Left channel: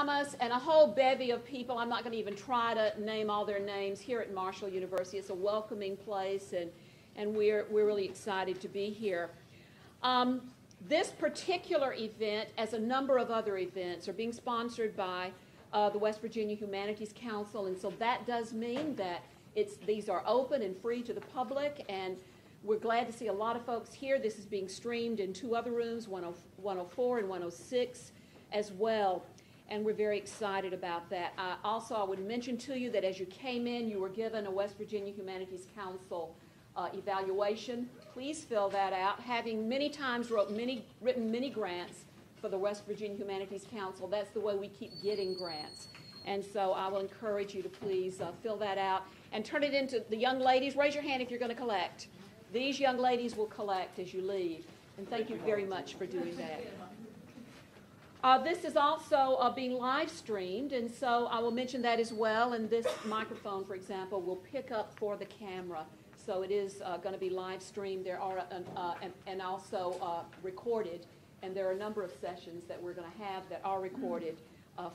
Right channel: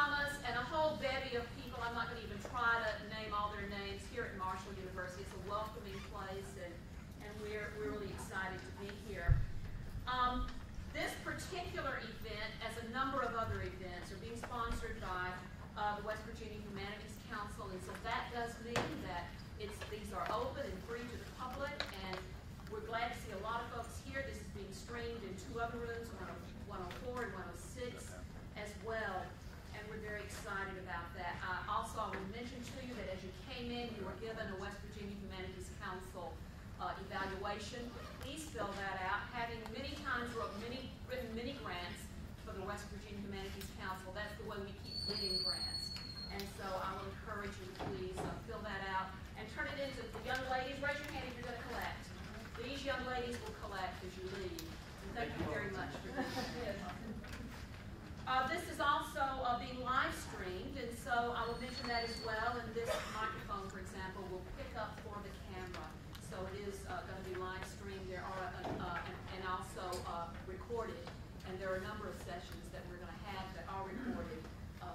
Thomas, and a whole bevy of people. I'm not going to even try to name all their names here at Marshall University. It's a welcoming place, and we're really excited to be here. This particular event, as a number of other events, are being sponsored by the West Virginia Humanities Council, and so that does mean that these are open and free to the public, and we're glad to see a lot of folks here. This is being streamed in two other rooms, 104 and 106 as well, and we're very excited about that. Also, I would mention to you that as you came in, you were given a West Virginia Humanities Council evaluation. Please fill that out. Having many times written many grants for the West Virginia Humanities Council, that's the way we keep getting grants. And so I will encourage you to please fill that out and turn it into the young ladies. Raise your hand if you're going to collect. These young ladies will collect as you leave. And thank you very much for doing that. This is also being live streamed, and so I will mention that as well. And this microphone, for example, will pick up for the camera. So it is going to be live streamed. There are and also recorded. And there are a number of sessions that we're going to have that are recorded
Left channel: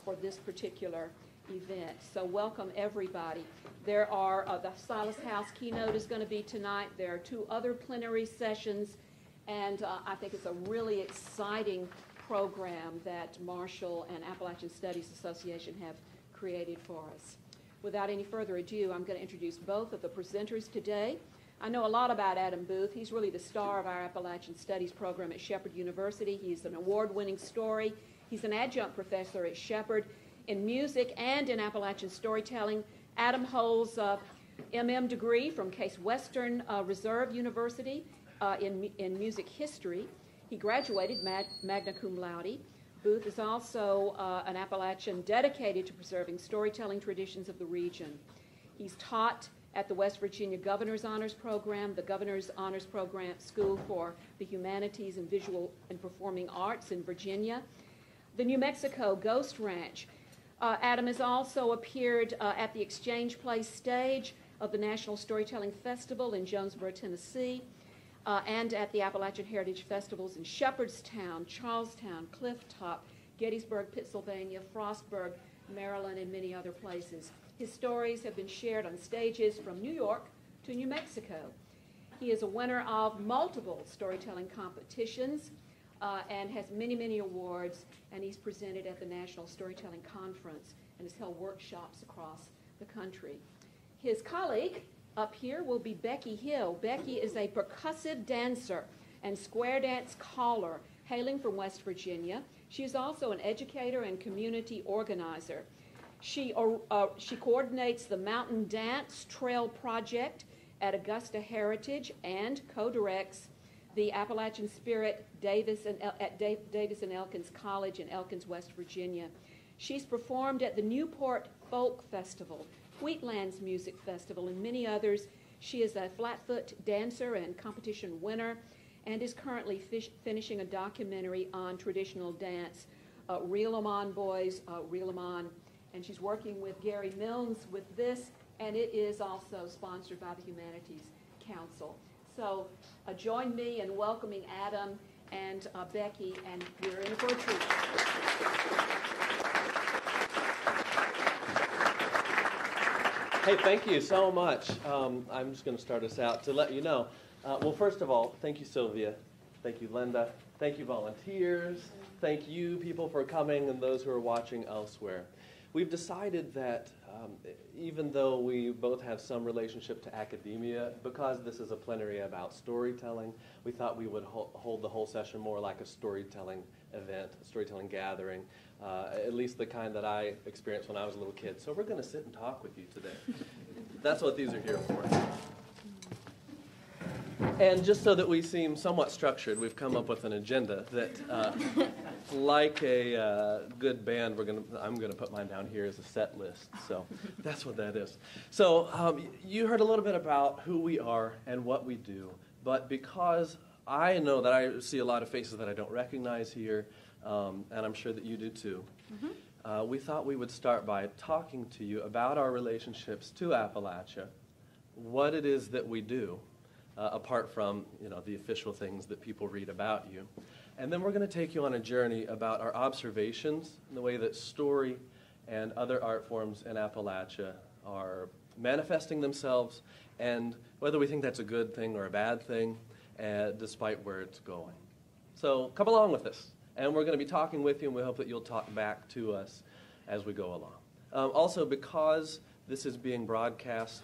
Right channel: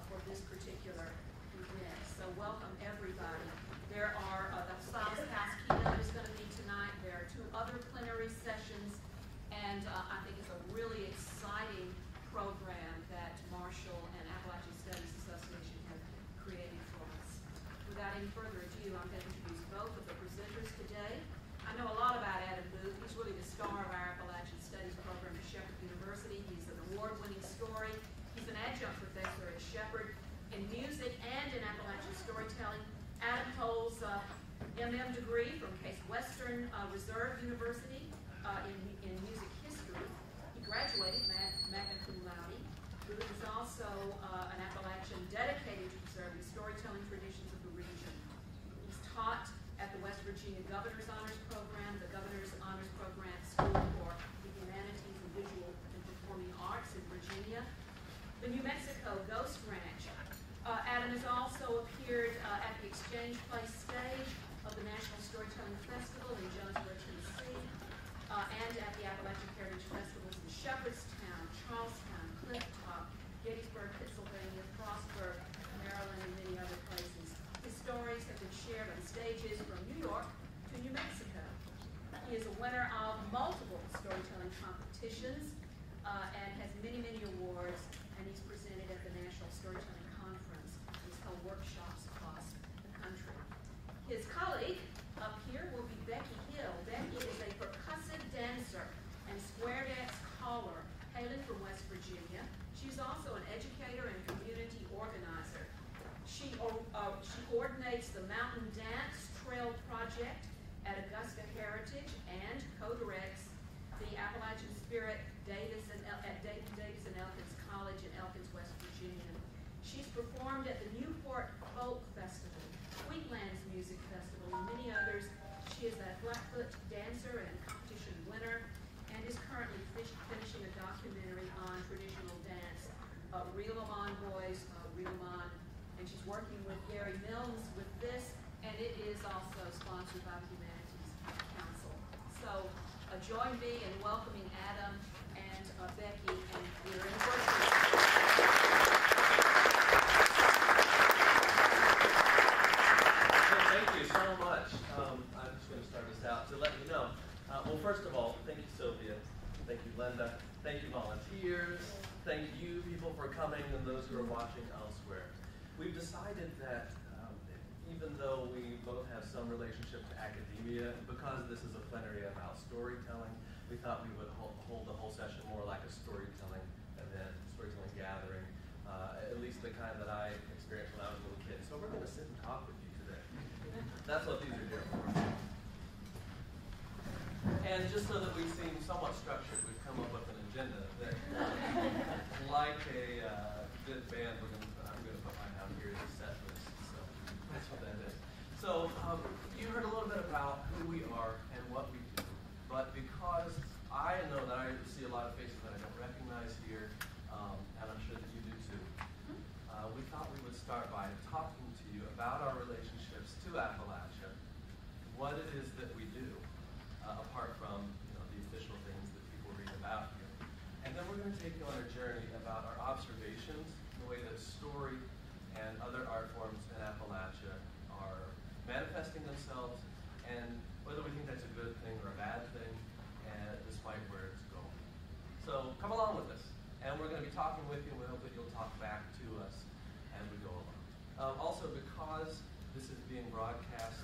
for this particular event. So welcome everybody. There are the Silas House keynote is going to be tonight. There are two other plenary sessions, and I think it's a really exciting program that Marshall and Appalachian Studies Association have created for us. Without any further ado, I'm going to introduce both of the presenters today. I know a lot about Adam Booth. He's really the star of our Appalachian Studies program at Shepherd University. He's an award-winning story. He's an adjunct professor at Shepherd in music and in Appalachian storytelling. Adam holds a MM degree from Case Western Reserve University in music history. He graduated magna cum laude. Booth is also an Appalachian dedicated to preserving storytelling traditions of the region. He's taught at the West Virginia Governor's Honors Program, the Governor's Honors Program School for the Humanities and Visual and Performing Arts in Virginia, the New Mexico Ghost Ranch. Adam has also appeared at the Exchange Place stage of the National Storytelling Festival in Jonesboro, Tennessee, and at the Appalachian Heritage Festivals in Shepherdstown, Charlestown, Clifftop, Gettysburg, Pennsylvania, Frostburg, Maryland, and many other places. His stories have been shared on stages from New York to New Mexico. He is a winner of multiple storytelling competitions and has many, many awards, and he's presented at the National Storytelling Conference and has held workshops across the country. His colleague up here will be Becky Hill. Becky is a percussive dancer and square dance caller hailing from West Virginia. She is also an educator and community organizer. She coordinates the Mountain Dance Trail Project at Augusta Heritage and co-directs the Appalachian Spirit at Davis and Elkins College in Elkins, West Virginia. She's performed at the Newport Folk Festival, Wheatlands Music Festival, and many others. She is a Flatfoot dancer and competition winner and is currently finishing a documentary on traditional dance, Reel 'em On Boys, Reel 'em On. And she's working with Gary Milnes with this, and it is also sponsored by the Humanities Council. So join me in welcoming Adam and Becky, and we're in a virtual. Hey, thank you so much. I'm just going to start us out to let you know. Well, first of all, thank you, Sylvia. Thank you, Linda. Thank you, volunteers. Thank you, people, for coming, and those who are watching elsewhere. We've decided that even though we both have some relationship to academia, because this is a plenary about storytelling, we thought we would hold the whole session more like a storytelling event, a storytelling gathering, at least the kind that I experienced when I was a little kid. So we're going to sit and talk with you today. That's what these are here for. And just so that we seem somewhat structured, we've come up with an agenda that, like a good band, I'm going to put mine down here as a set list. So that's what that is. So you heard a little bit about who we are and what we do. But because I know that I see a lot of faces that I don't recognize here, and I'm sure that you do too, we thought we would start by talking to you about our relationships to Appalachia, what it is that we do. Apart from the official things that people read about you. And then we're going to take you on a journey about our observations, the way that story and other art forms in Appalachia are manifesting themselves, and whether we think that's a good thing or a bad thing, despite where it's going. So come along with us, and we're going to be talking with you, and we hope that you'll talk back to us as we go along. Also, because this is being broadcast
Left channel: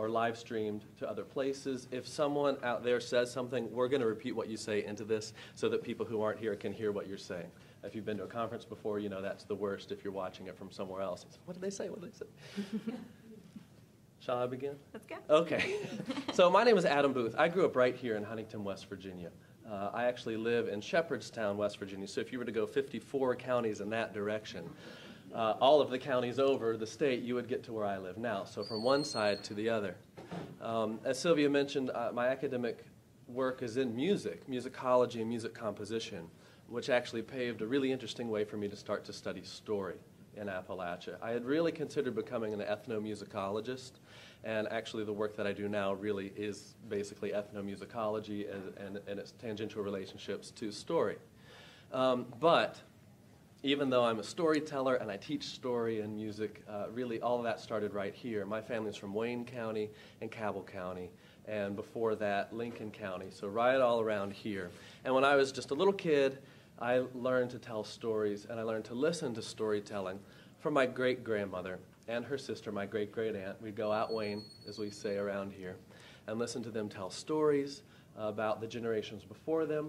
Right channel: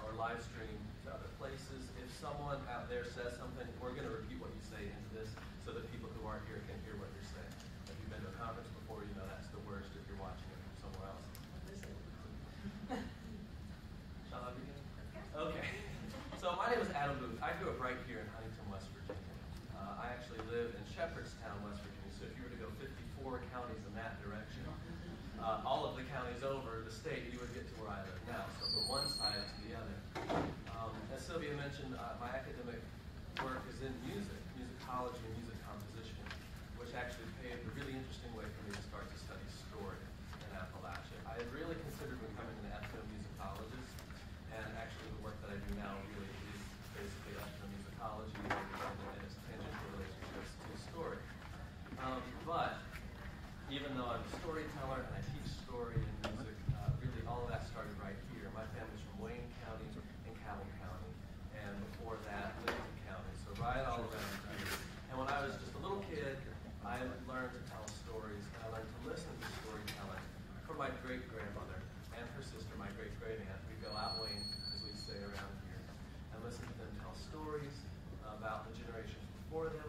or live streamed to other places, if someone out there says something, we're going to repeat what you say into this so that people who aren't here can hear what you're saying. If you've been to a conference before, you know that's the worst if you're watching it from somewhere else. It's, what did they say? What did they say? Shall I begin? Let's go. Okay. So my name is Adam Booth. I grew up right here in Huntington, West Virginia. I actually live in Shepherdstown, West Virginia. So if you were to go 54 counties in that direction, all of the counties over the state, you would get to where I live now. So from one side to the other. As Sylvia mentioned, my academic work is in music, musicology and music composition, which actually paved a really interesting way for me to start to study story in Appalachia. I had really considered becoming an ethnomusicologist, and actually the work that I do now really is basically ethnomusicology and its tangential relationships to story. But even though I'm a storyteller and I teach story and music, really all of that started right here. My family's from Wayne County and Cabell County, and before that, Lincoln County, so right all around here. And when I was just a little kid, I learned to tell stories, and I learned to listen to storytelling from my great-grandmother and her sister, my great-great-aunt. We'd go out Wayne, as we say around here, and listen to them tell stories about the generations before them.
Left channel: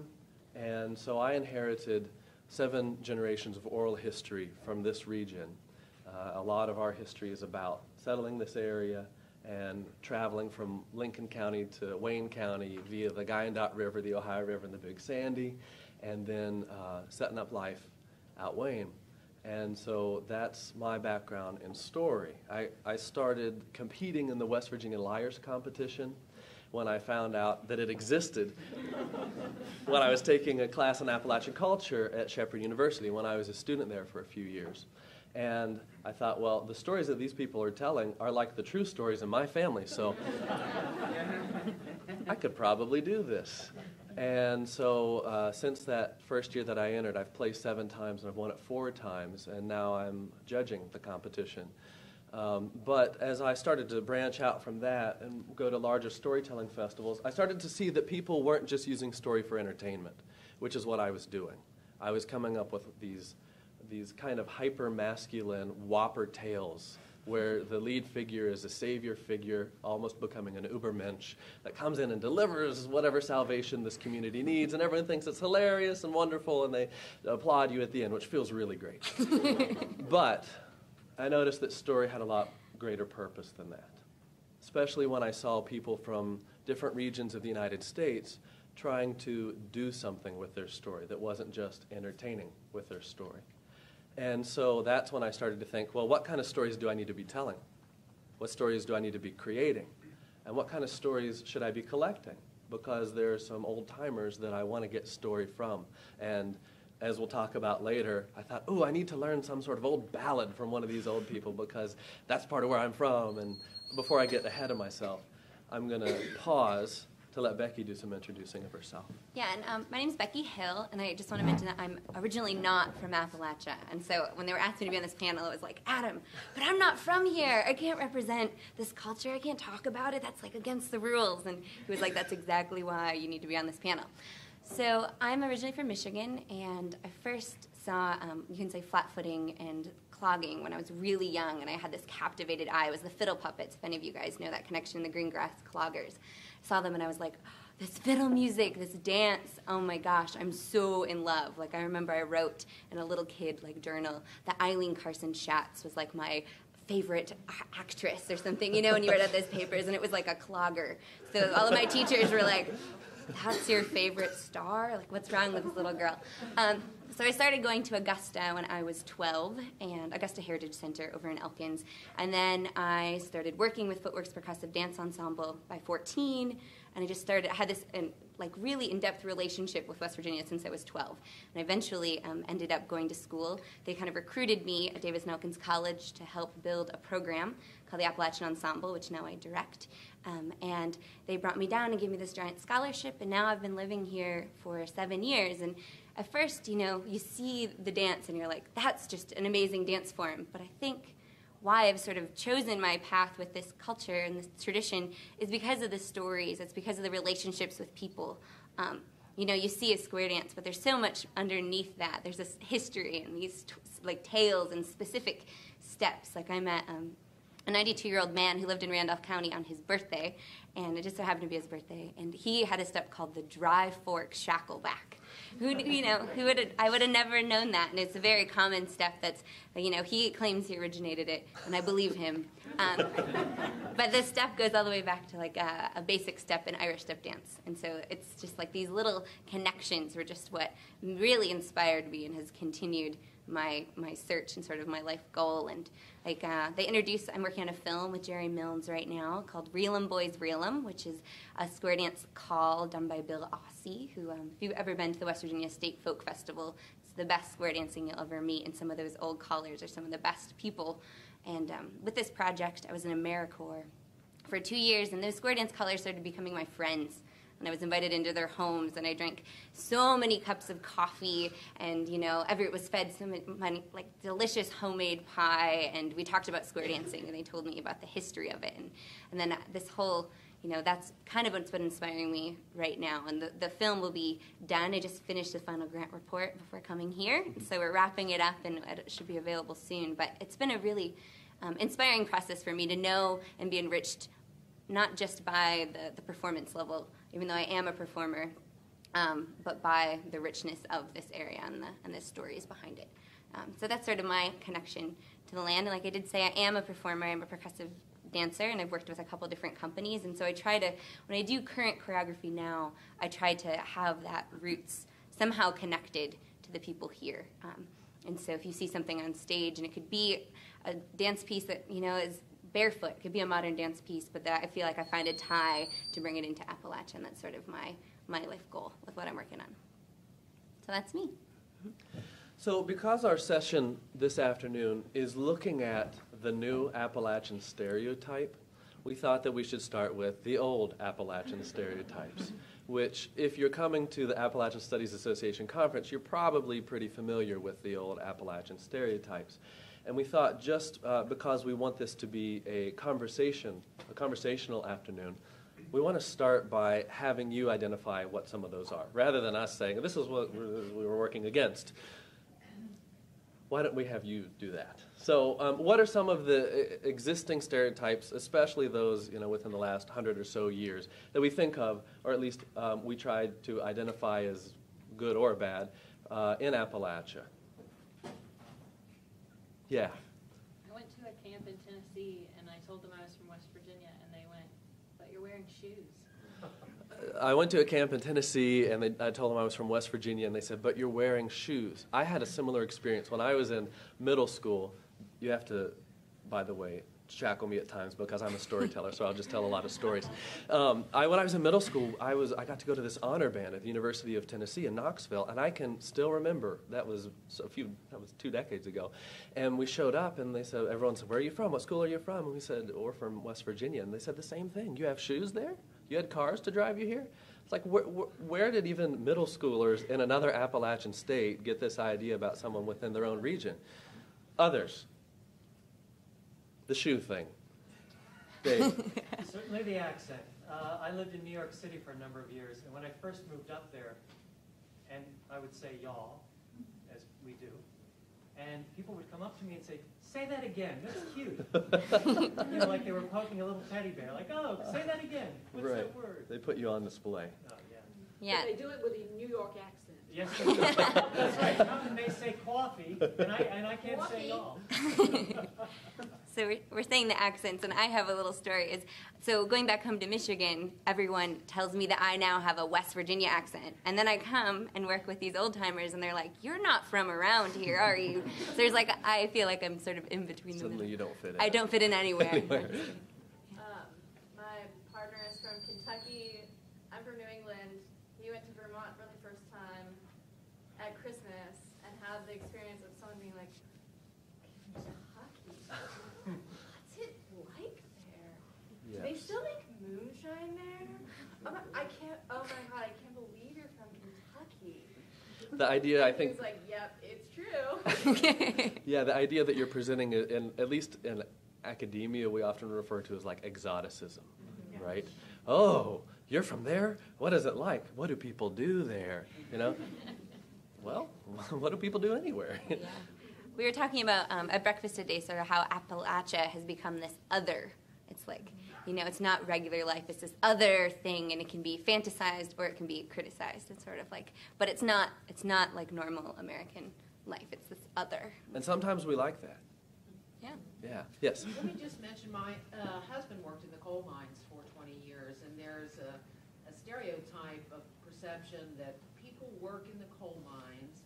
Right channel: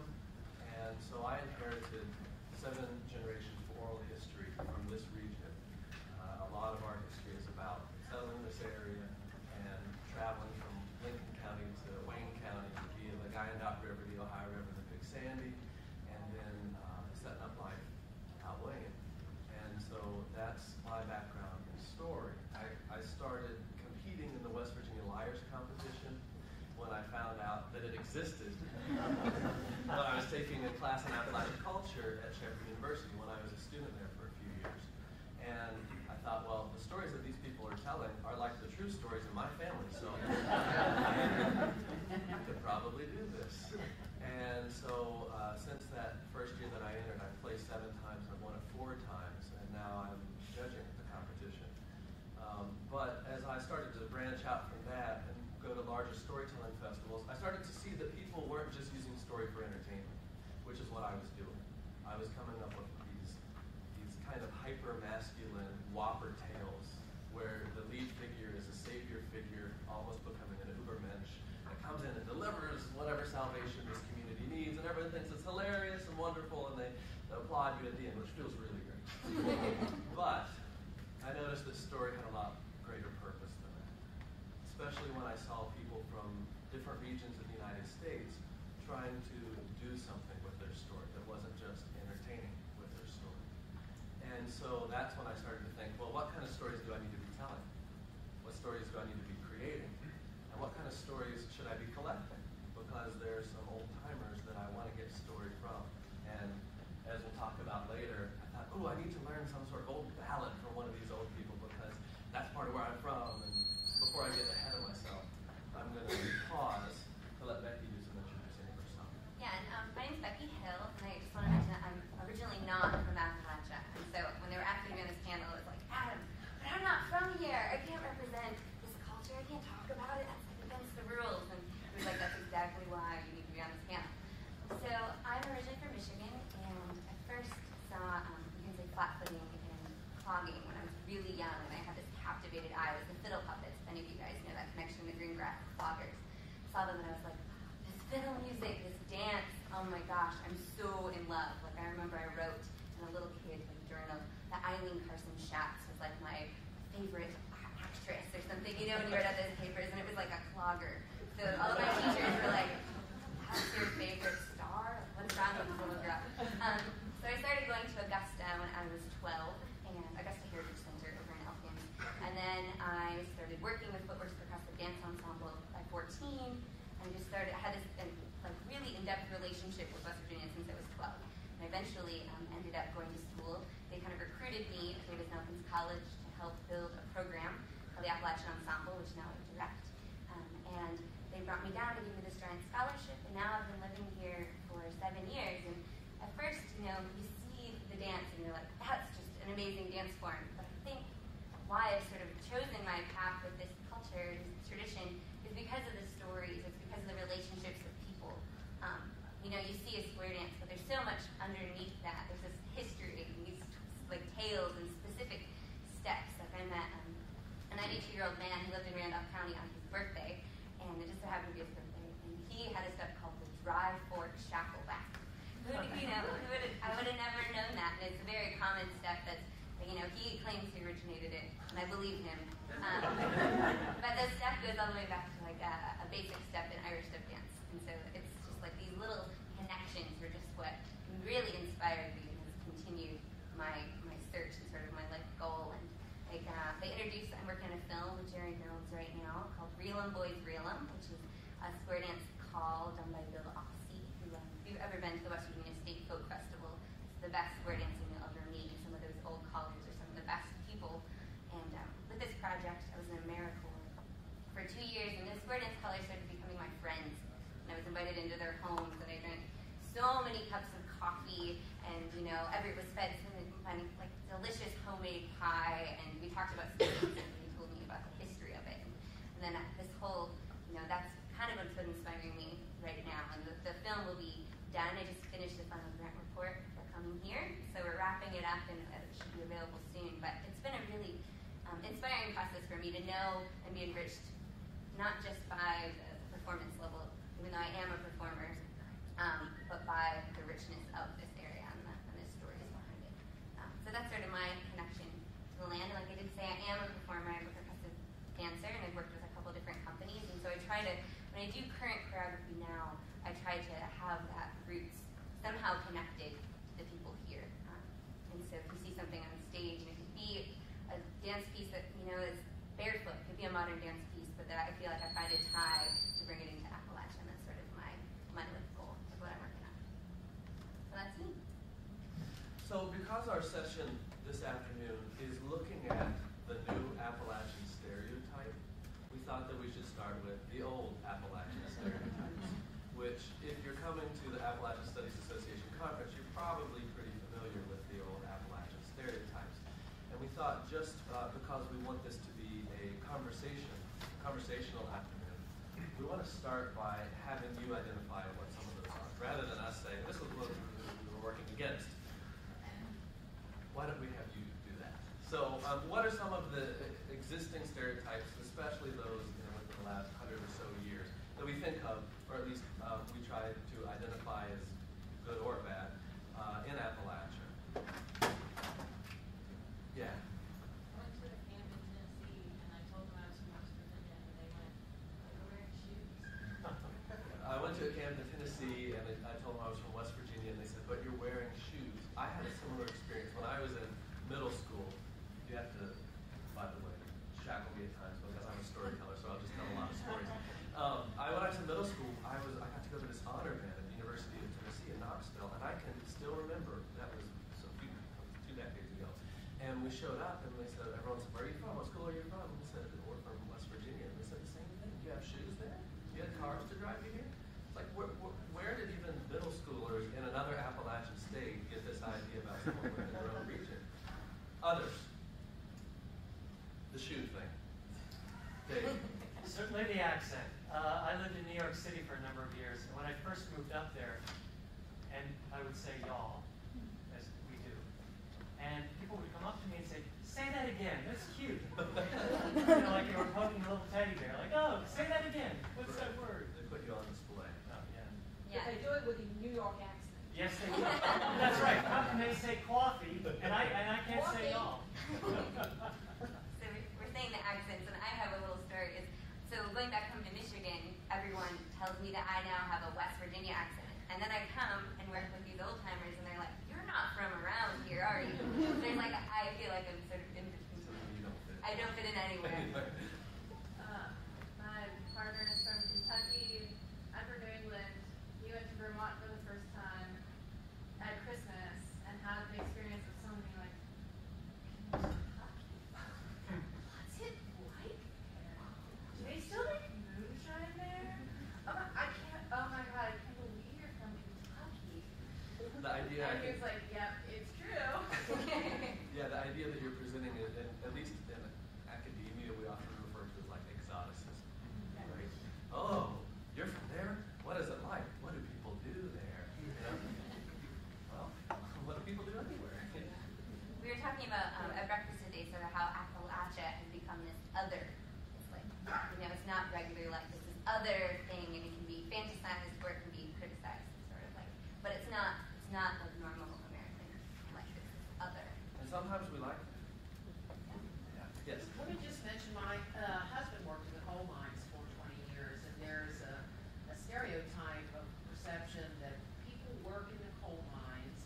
And so I inherited 7 generations of oral history from this region. A lot of our history is about settling this area and traveling from Lincoln County to Wayne County via the Wyandotte River, the Ohio River, and the Big Sandy, and then setting up life out Wayne. And so that's my background in story. I started competing in the West Virginia Liars competition when I found out that it existed when I was taking a class in Appalachian culture at Shepherd University when I was a student there for a few years. And I thought, well, the stories that these people are telling are like the true stories in my family, so I could probably do this. And so since that first year that I entered, I've placed 7 times and I've won it 4 times, and now I'm judging the competition. But as I started to branch out from that and go to larger storytelling festivals, I started to see that people weren't just using story for entertainment, which is what I was doing. I was coming up with these kind of hyper-masculine whopper tales where the lead figure is a savior figure, almost becoming an ubermensch, that comes in and delivers whatever salvation this community needs, and everyone thinks it's hilarious and wonderful, and they applaud you at the end, which feels really great. But I noticed that story had a lot greater purpose than that, especially when I saw people from different regions of the United States trying to do something with their story that wasn't just entertaining with their story. And so that's when I started to think, well, what kind of stories do I need to be telling? What stories do I need to be creating? And what kind of stories should I be collecting? Because there are some old-timers that I want to get story from. And as we'll talk about later, I thought, oh, I need to learn some sort of old ballad from one of these old people because that's part of where I'm from. And before I get ahead of myself, I'm going to pause to let Becky do some introducing of herself. Yeah, and my name's Becky Hill, and I just want to mention that I'm originally not from Appalachia. And so when they were asking me to be on this panel, it was like, Adam, but I'm not from here. I can't represent this culture. I can't talk about it. That's like against the rules. And he was like, that's exactly why you need to be on this panel. So I'm originally from Michigan, and I first saw, you can say, flat-footing and clogging when I was really young, and I had this captivated eye. It was the fiddle puppets, if any of you guys know that connection, the green grass cloggers. Saw them, and I was like, this fiddle music, this dance, oh my gosh, I'm so in love. Like, I remember I wrote in a little kid, like, journal that Eileen Carson Schatz was, like, my favorite actress or something, you know, when you read out those papers, and it was like a clogger. So all of my teachers were like, that's your favorite star? Like, what's wrong with this little girl? So I started going to Augusta when I was 12, and Augusta Heritage Center over in Elkins. And then I started working with Footwork's Percussive Dance Ensemble by 14, and I had this like really in-depth relationship with West Virginia since I was 12. And I eventually ended up going to school. They kind of recruited me at Davis and Elkins College to help build a program called the Appalachian Ensemble, which now I direct. And they brought me down and gave me this giant scholarship, and now I've been living here for 7 years. And at first, you know, you see the dance and you're like, that's just an amazing dance form. But I think why I've sort of chosen my path with this culture and this tradition is because of the stories. It's because of the relationships with people. You know, you see a square dance, but there's so much underneath that. There's this history and these like tales and specific steps. Like I met a 92-year-old man who lived in Randolph County on his birthday, and it just so happened to be his birthday. And he had a step called the dry fork shackleback. I would have never known that, and it's a very common step that's, you know, he claims he originated it, and I believe him. But the step goes all the way back to like a basic step in Irish step dance. And so it's just like these little connections were just what really inspired me and has continued my search and sort of my life goal. And like I'm working on a film with Jerry Milnes right now called Reel 'em Boys Reel 'em, which is a square dance call done by Bill Ossie, who, if you've ever been to the West Virginia State Folk Festival, it's the best square dancing you'll ever meet, and some of those old callers are some of the best people. And with this project, I was in AmeriCorps for 2 years, and those square dance callers started becoming my friends. And I was invited into their homes, and I drank so many cups of coffee, and you know, it was fed so many like delicious homemade pie, and we talked about square dancing, and they told me about the history of it, and then this whole, you know, that's kind of what's been inspiring me right now. And the film will be done. I just finished the final grant report before coming here, so we're wrapping it up, and it should be available soon. But it's been a really inspiring process for me to know and be enriched, not just by the performance level, even though I am a performer, but by the richness of this area and the stories behind it. So that's sort of my connection to the land. And like I did say, I am a performer. I'm a percussive dancer, and I've worked with a couple different companies. And so I try to, when I do current choreography now, I try to have that roots somehow connected to the people here. And so if you see something on stage, and it could be a dance piece that, you know, is barefoot, could be a modern dance piece, but that I feel like I find a tie to bring it into Appalachia, and that's sort of my life goal with what I'm working on. So that's me. So because our session this afternoon is looking at the new Appalachian stereotype, we thought that we should start with the old Appalachian stereotypes, which, if you're coming to the Appalachian Studies Association conference, you're probably pretty familiar with the old Appalachian stereotypes. And we thought, just because we want this to be a conversational afternoon, we want to start by having you identify what some of those are, rather than us saying, this is what we were working against. Why don't we have you do that? So what are some of the existing stereotypes, especially those, you know, within the last 100 or so years, that we think of, or at least we tried to identify as good or bad in Appalachia? Yeah. I went to a camp in Tennessee, and I told them I was from West Virginia, and they went, but you're wearing shoes. I went to a camp in Tennessee, and I told them I was from West Virginia, and they said, but you're wearing shoes. I had a similar experience. When I was in middle school, you have to, by the way, shackle me at times because I'm a storyteller, so I'll just tell a lot of stories. When I was in middle school, I got to go to this honor band at the University of Tennessee in Knoxville, and I can still remember, that was 2 decades ago. And we showed up, and everyone said, where are you from? What school are you from? And we said, we're from West Virginia. And they said the same thing. You have shoes there? You had cars to drive you here? It's like, where did even middle schoolers in another Appalachian state get this idea about someone within their own region? Others. The shoe thing. Dave. Certainly the accent. I lived in New York City for a number of years, and when I first moved up there, and I would say y'all, as we do, and people would come up to me and say, say that again, that's cute. Like they were poking a little teddy bear, like, oh, say that again, what's that word? They put you on display. Oh, yeah. Yeah. They do it with a New York accent. Yes, that's right. Come and they say coffee, and I can't say y'all. So we're saying the accents, and I have a little story. So going back home to Michigan, everyone tells me that I now have a West Virginia accent. And then I come and work with these old-timers, and they're like, you're not from around here, are you? So there's like, I feel like I'm sort of in between them. Suddenly you don't fit in. I don't fit in anywhere. My partner is from Kentucky. I'm from New England. We went to Vermont for the first time at Christmas and had the experience of someone being like, what's it like there? They still make moonshine there? Oh my God, I can't believe you're from Kentucky. The idea, I think. He's like, yep, it's true. Yeah, the idea that you're presenting, at least in academia, we often refer to as like exoticism, right? Oh, you're from there? What is it like? What do people do there? You know? Well, what do people do anywhere? We were talking about at breakfast today, sort of how Appalachia has become this other. It's like, it's not regular life. It's this other thing, and it can be fantasized or it can be criticized. It's sort of like, but it's not like normal American life. It's this other. And sometimes we like that. Yeah. Yeah. Yes. Let me just mention my husband worked in the coal mines for 20 years, and there's a stereotype of perception that people work in the coal mines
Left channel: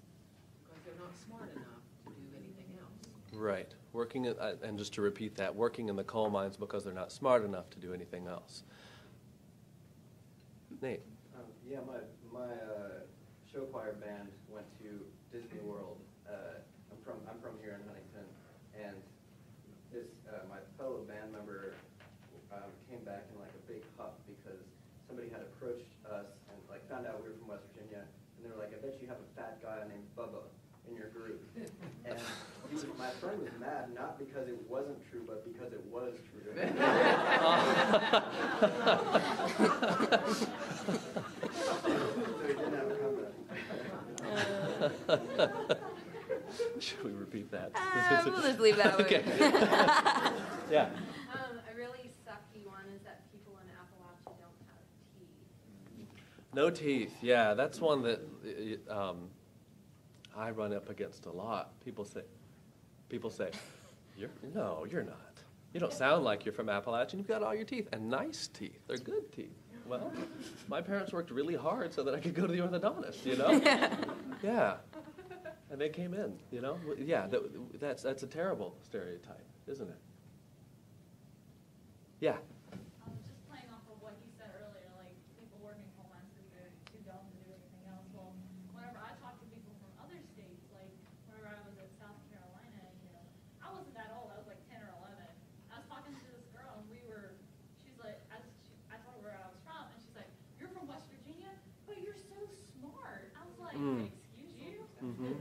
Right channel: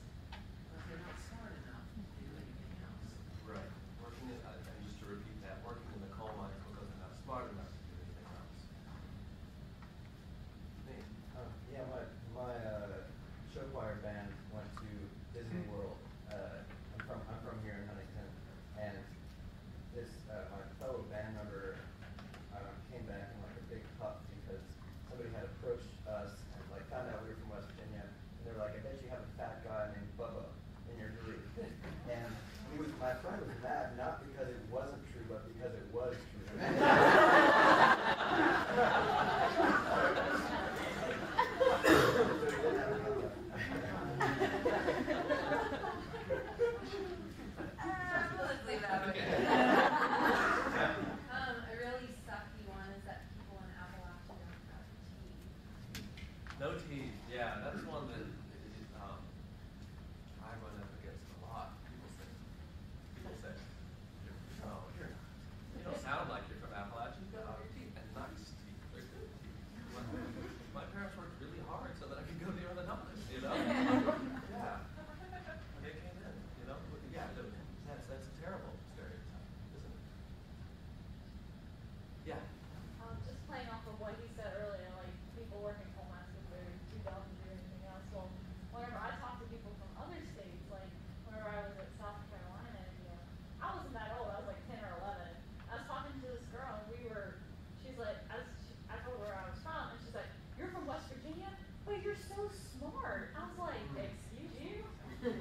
because they're not smart enough to do anything else. Right. Working, and just to repeat that, working in the coal mines because they're not smart enough to do anything else. Nate. Yeah, my show choir band went to Disney World. I'm from here in Huntington, and this my fellow band member came back in like a big huff because somebody had approached us and like found out we were from West Virginia, and they were like, "I bet you have a fat guy named Bubba in your group." And my friend was mad not because it wasn't true, but because it was true. Should we repeat that? We'll just leave that. Okay. Yeah. A really sucky one is that people in Appalachia don't have teeth. No teeth. Yeah, that's one that I run up against a lot. People say, you're not. You don't sound like you're from Appalachia. You've got all your teeth, and nice teeth. They're good teeth. Well, my parents worked really hard so that I could go to the orthodontist, Yeah. And they came in, Yeah, that's a terrible stereotype, isn't it? Yeah. Just playing off of what he said earlier, like people work in coal mines because they're too dumb to do anything else. Well, whenever I talk to people from other states, like whenever I was at South Carolina, I wasn't that old. I was like 10 or 11. I was talking to this girl, and she's like, I told her where I was from, and she's like, "You're from West Virginia, but you're so smart." I was like, "Excuse you?" I was like,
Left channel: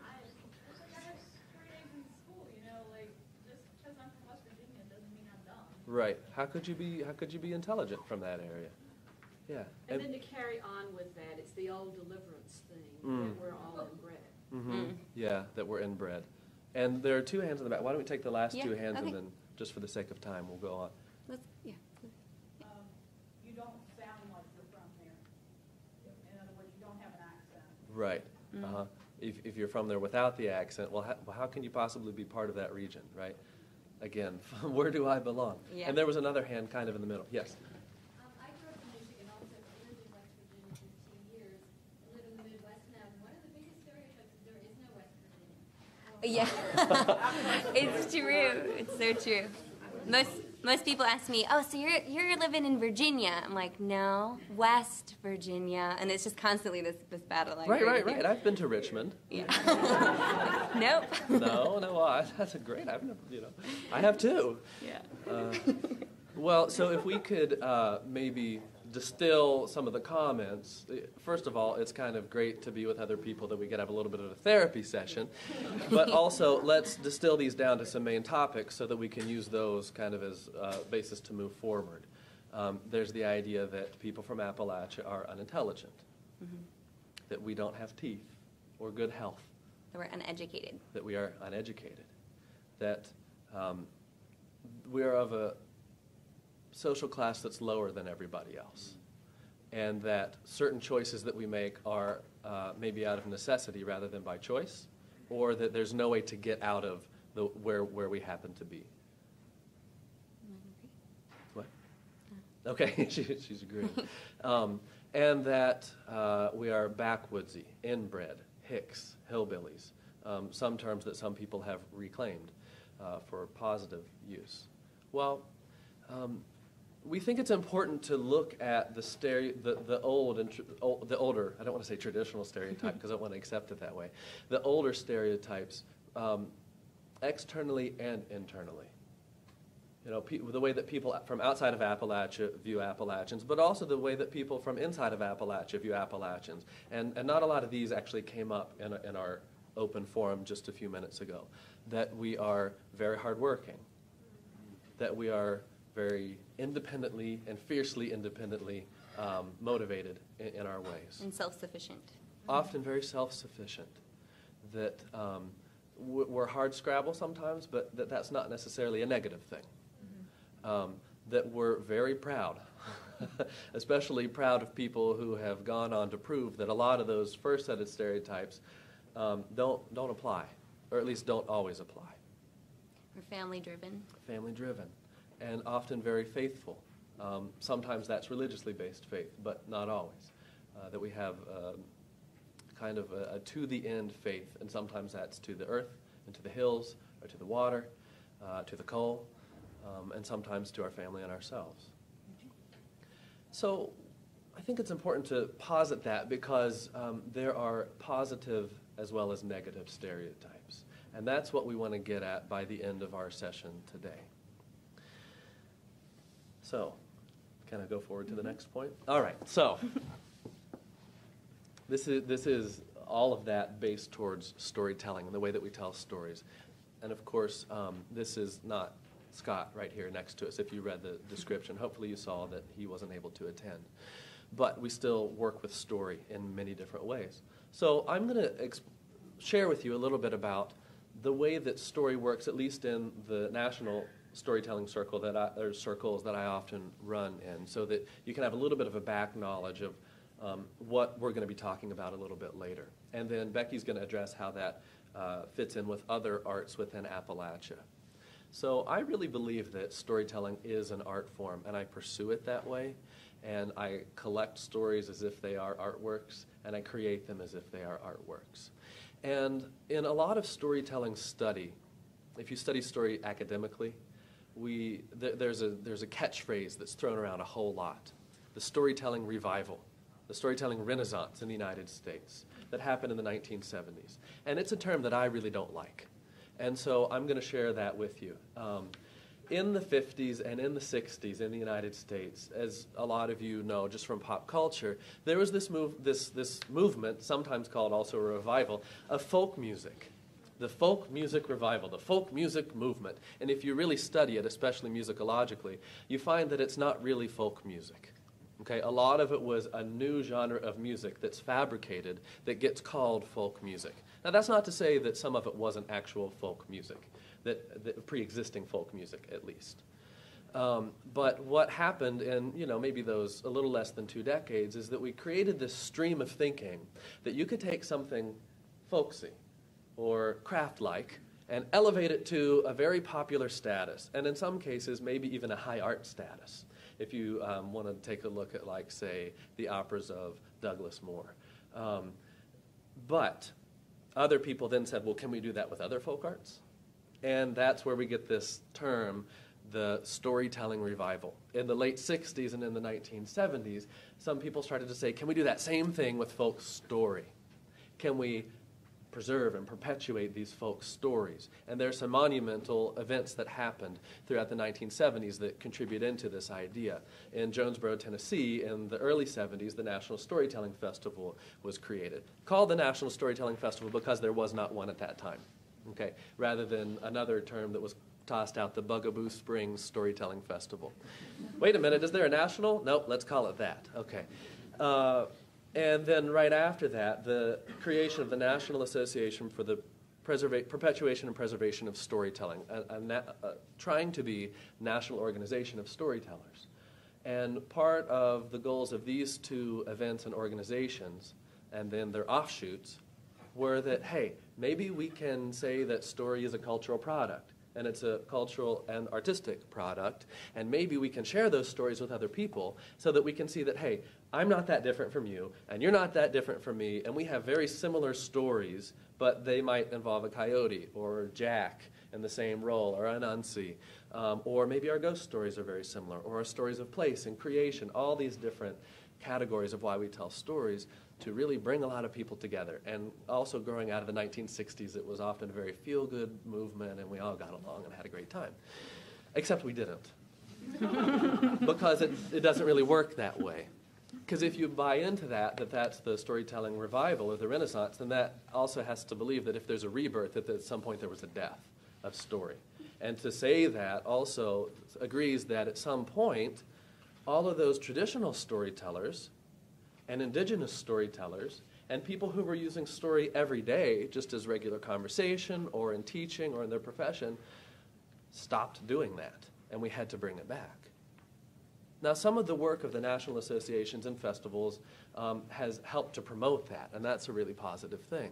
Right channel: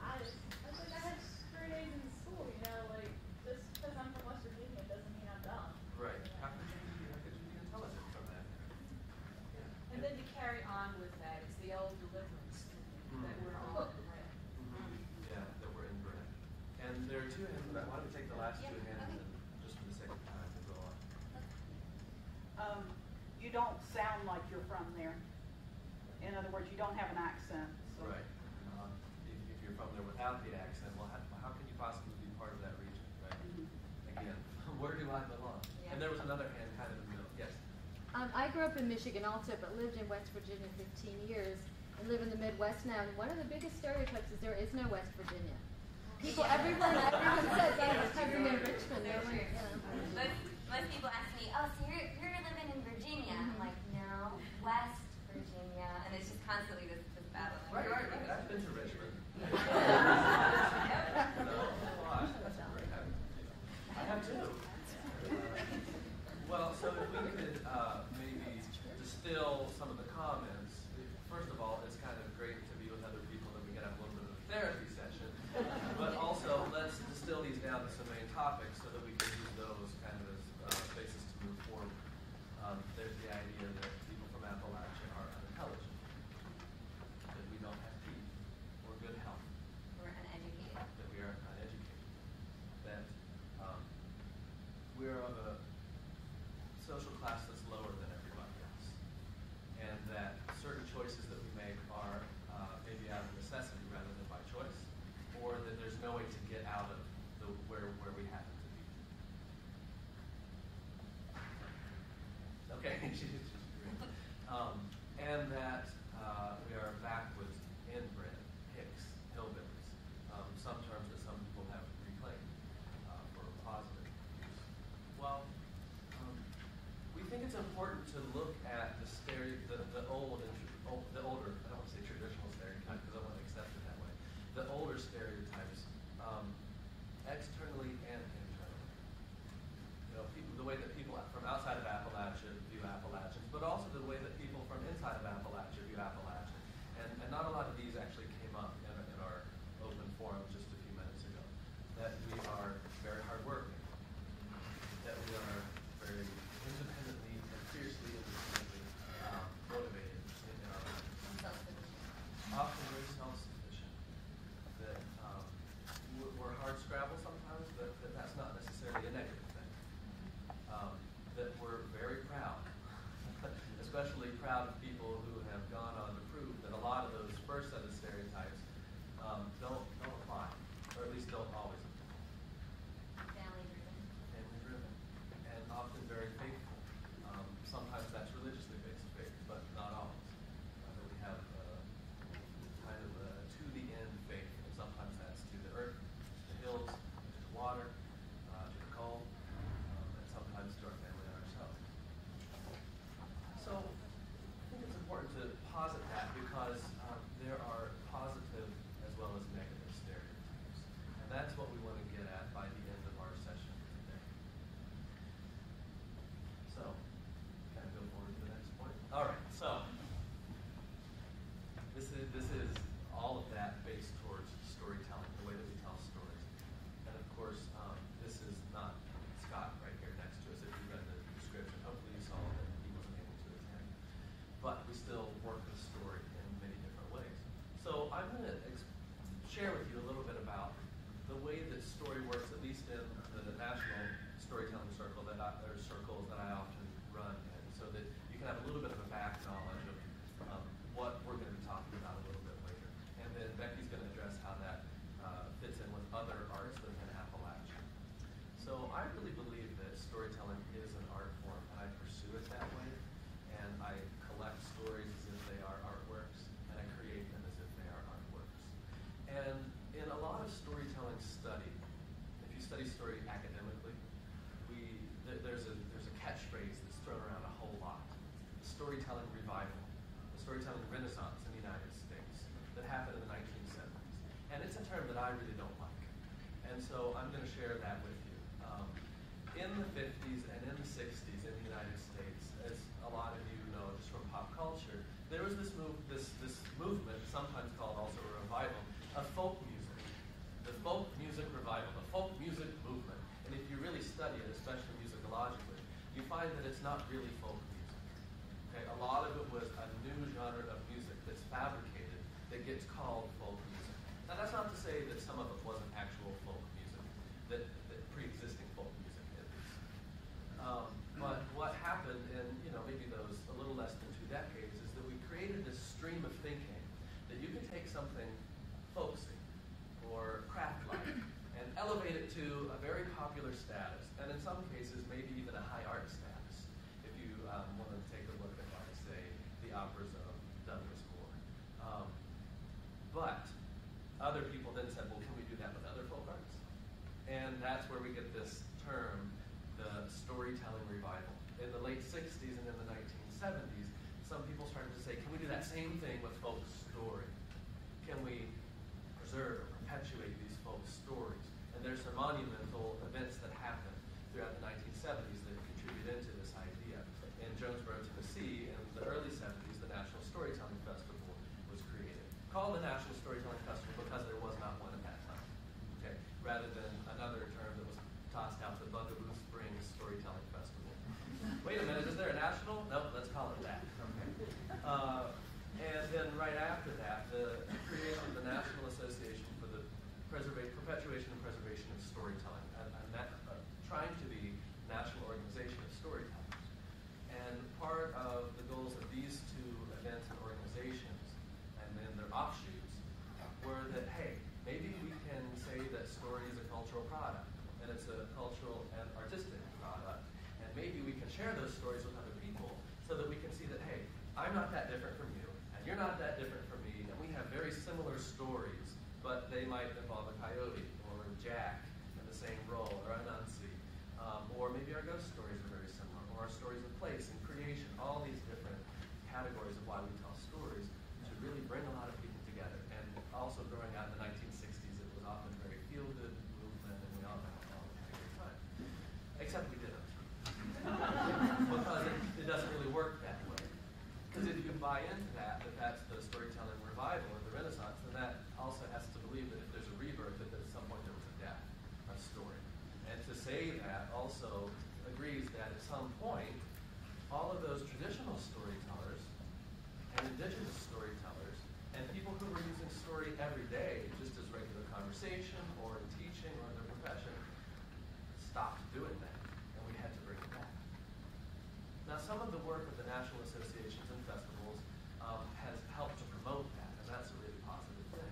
I had straight A's in school, like just because I'm from West Virginia doesn't mean I'm dumb. Right. How could you be intelligent from that area? Yeah. And then to carry on with that, it's the old deliverance thing that we're all inbred. Yeah, that we're inbred. And there are two hands in the back. Why don't we take the last two hands and okay. then, just for the sake of time, we'll go on. You don't sound like you're from there. In other words, you don't have an accent. Right. If you're from there without the accent, well, how can you possibly be part of that region, right? Again, where do I belong? Yeah. And there was another hand kind of in the middle. Yes. I grew up in Michigan also, but lived in West Virginia 15 years and live in the Midwest now. And one of the biggest stereotypes is there is no West Virginia. Yeah. It's true. It's so true. Most people ask me, "Oh, so you're living in Virginia?" I'm like, "No, West Virginia," and it's just constantly this battle. Right. I've been to Richmond. Yeah. Nope. No. That's a great. I have too. Yeah. Well, so if we could maybe distill some of the comments. First of all, it's kind of great to be with other people that we could have a little bit of a therapy session. But also, let's distill these down to some main topics so that we can use those kind of as basis to move forward. There's the idea that people from Appalachia are unintelligent, that we don't have teeth or good health. That we're uneducated. That we are uneducated. That we are of a social class that's lower than everybody else, and that certain choices that we make are maybe out of necessity rather than by choice, or that there's no way to get out of where we happen to be. What? Okay, she's agreeing. And that we are backwoodsy, inbred, hicks, hillbillies, some terms that some people have reclaimed for positive use. Well, we think it's important to look at the older, I don't want to say traditional stereotype because I don't want to accept it that way, the older stereotypes externally and internally. the way that people from outside of Appalachia view Appalachians, but also the way that people from inside of Appalachia view Appalachians. And not a lot of these actually came up in our open forum just a few minutes ago. That we are very hardworking, that we are very independently and fiercely independently motivated in our ways. And self-sufficient. Often very self-sufficient. That we're hard scrabble sometimes, but that's not necessarily a negative thing. That we're very proud, especially proud of people who have gone on to prove that a lot of those first set of stereotypes don't apply, or at least don't always apply. Family-driven. Family-driven, and often very faithful. Sometimes that's religiously based faith, but not always. That we have kind of a to-the-end faith, and sometimes that's to the earth, and to the hills, or to the water, to the coal, and sometimes to our family and ourselves. So I think it's important to posit that because there are positive as well as negative stereotypes. And that's what we want to get at by the end of our session today. So, can I go forward to the next point? All right, so this is all of that based towards storytelling, the way that we tell stories. And of course, this is not Scott right here next to us. If you read the description, hopefully you saw that he wasn't able to attend. But we still work with story in many different ways. So I'm going to share with you a little bit about the way that story works, at least in the national storytelling circles that I often run in, so that you can have a little bit of a back knowledge of what we're going to be talking about a little bit later. And then Becky's going to address how that fits in with other arts within Appalachia. So I really believe that storytelling is an art form, and I pursue it that way. And I collect stories as if they are artworks, and I create them as if they are artworks. And in a lot of storytelling study, if you study story academically, there's a catchphrase that's thrown around a whole lot. The storytelling revival, the storytelling renaissance in the United States that happened in the 1970s. And it's a term that I really don't like. And so I'm going to share that with you. In the 50s and in the 60s in the United States, as a lot of you know just from pop culture, there was this movement, sometimes called also a revival, of folk music. The folk music revival, the folk music movement. And if you really study it, especially musicologically, you find that it's not really folk music. Okay, a lot of it was a new genre of music that's fabricated that gets called folk music. Now that's not to say that some of it wasn't actual folk music, that pre-existing folk music at least. But what happened in maybe those a little less than 2 decades is that we created this stream of thinking that you could take something folksy or craft-like and elevate it to a very popular status, and in some cases maybe even a high art status. If you want to take a look at, like, say, the operas of Douglas Moore. But other people then said, well, can we do that with other folk arts? And that's where we get this term, the storytelling revival. In the late 60s and in the 1970s, some people started to say, can we do that same thing with folk story? Can we preserve and perpetuate these folk stories? And there's some monumental events that happened throughout the 1970s that contribute into this idea. In Jonesboro, Tennessee, in the early 70s, the National Storytelling Festival was created. Called the National Storytelling Festival because there was not one at that time, okay? Rather than another term that was tossed out, the Bugaboo Springs Storytelling Festival. Wait a minute, is there a national? Nope, let's call it that, okay. And then right after that, the creation of the National Association for the Perpetuation and Preservation of Storytelling, trying to be national organization of storytellers. And part of the goals of these 2 events and organizations, and then their offshoots, were that, hey, maybe we can say that story is a cultural product, and it's a cultural and artistic product, and maybe we can share those stories with other people so that we can see that, hey, I'm not that different from you, and you're not that different from me, and we have very similar stories, but they might involve a coyote or Jack in the same role, or Anansi, or maybe our ghost stories are very similar, or our stories of place and creation, all these different categories of why we tell stories to really bring a lot of people together. And also growing out of the 1960s, it was often a very feel-good movement, and we all got along and had a great time. Except we didn't. Because it doesn't really work that way. Because if you buy into that's the storytelling revival of the Renaissance, then that also has to believe that if there's a rebirth, that at some point there was a death of story. And to say that also agrees that at some point, all of those traditional storytellers and indigenous storytellers and people who were using story every day, just as regular conversation or in teaching or in their profession, stopped doing that, and we had to bring it back. Now, some of the work of the national associations and festivals has helped to promote that, and that's a really positive thing.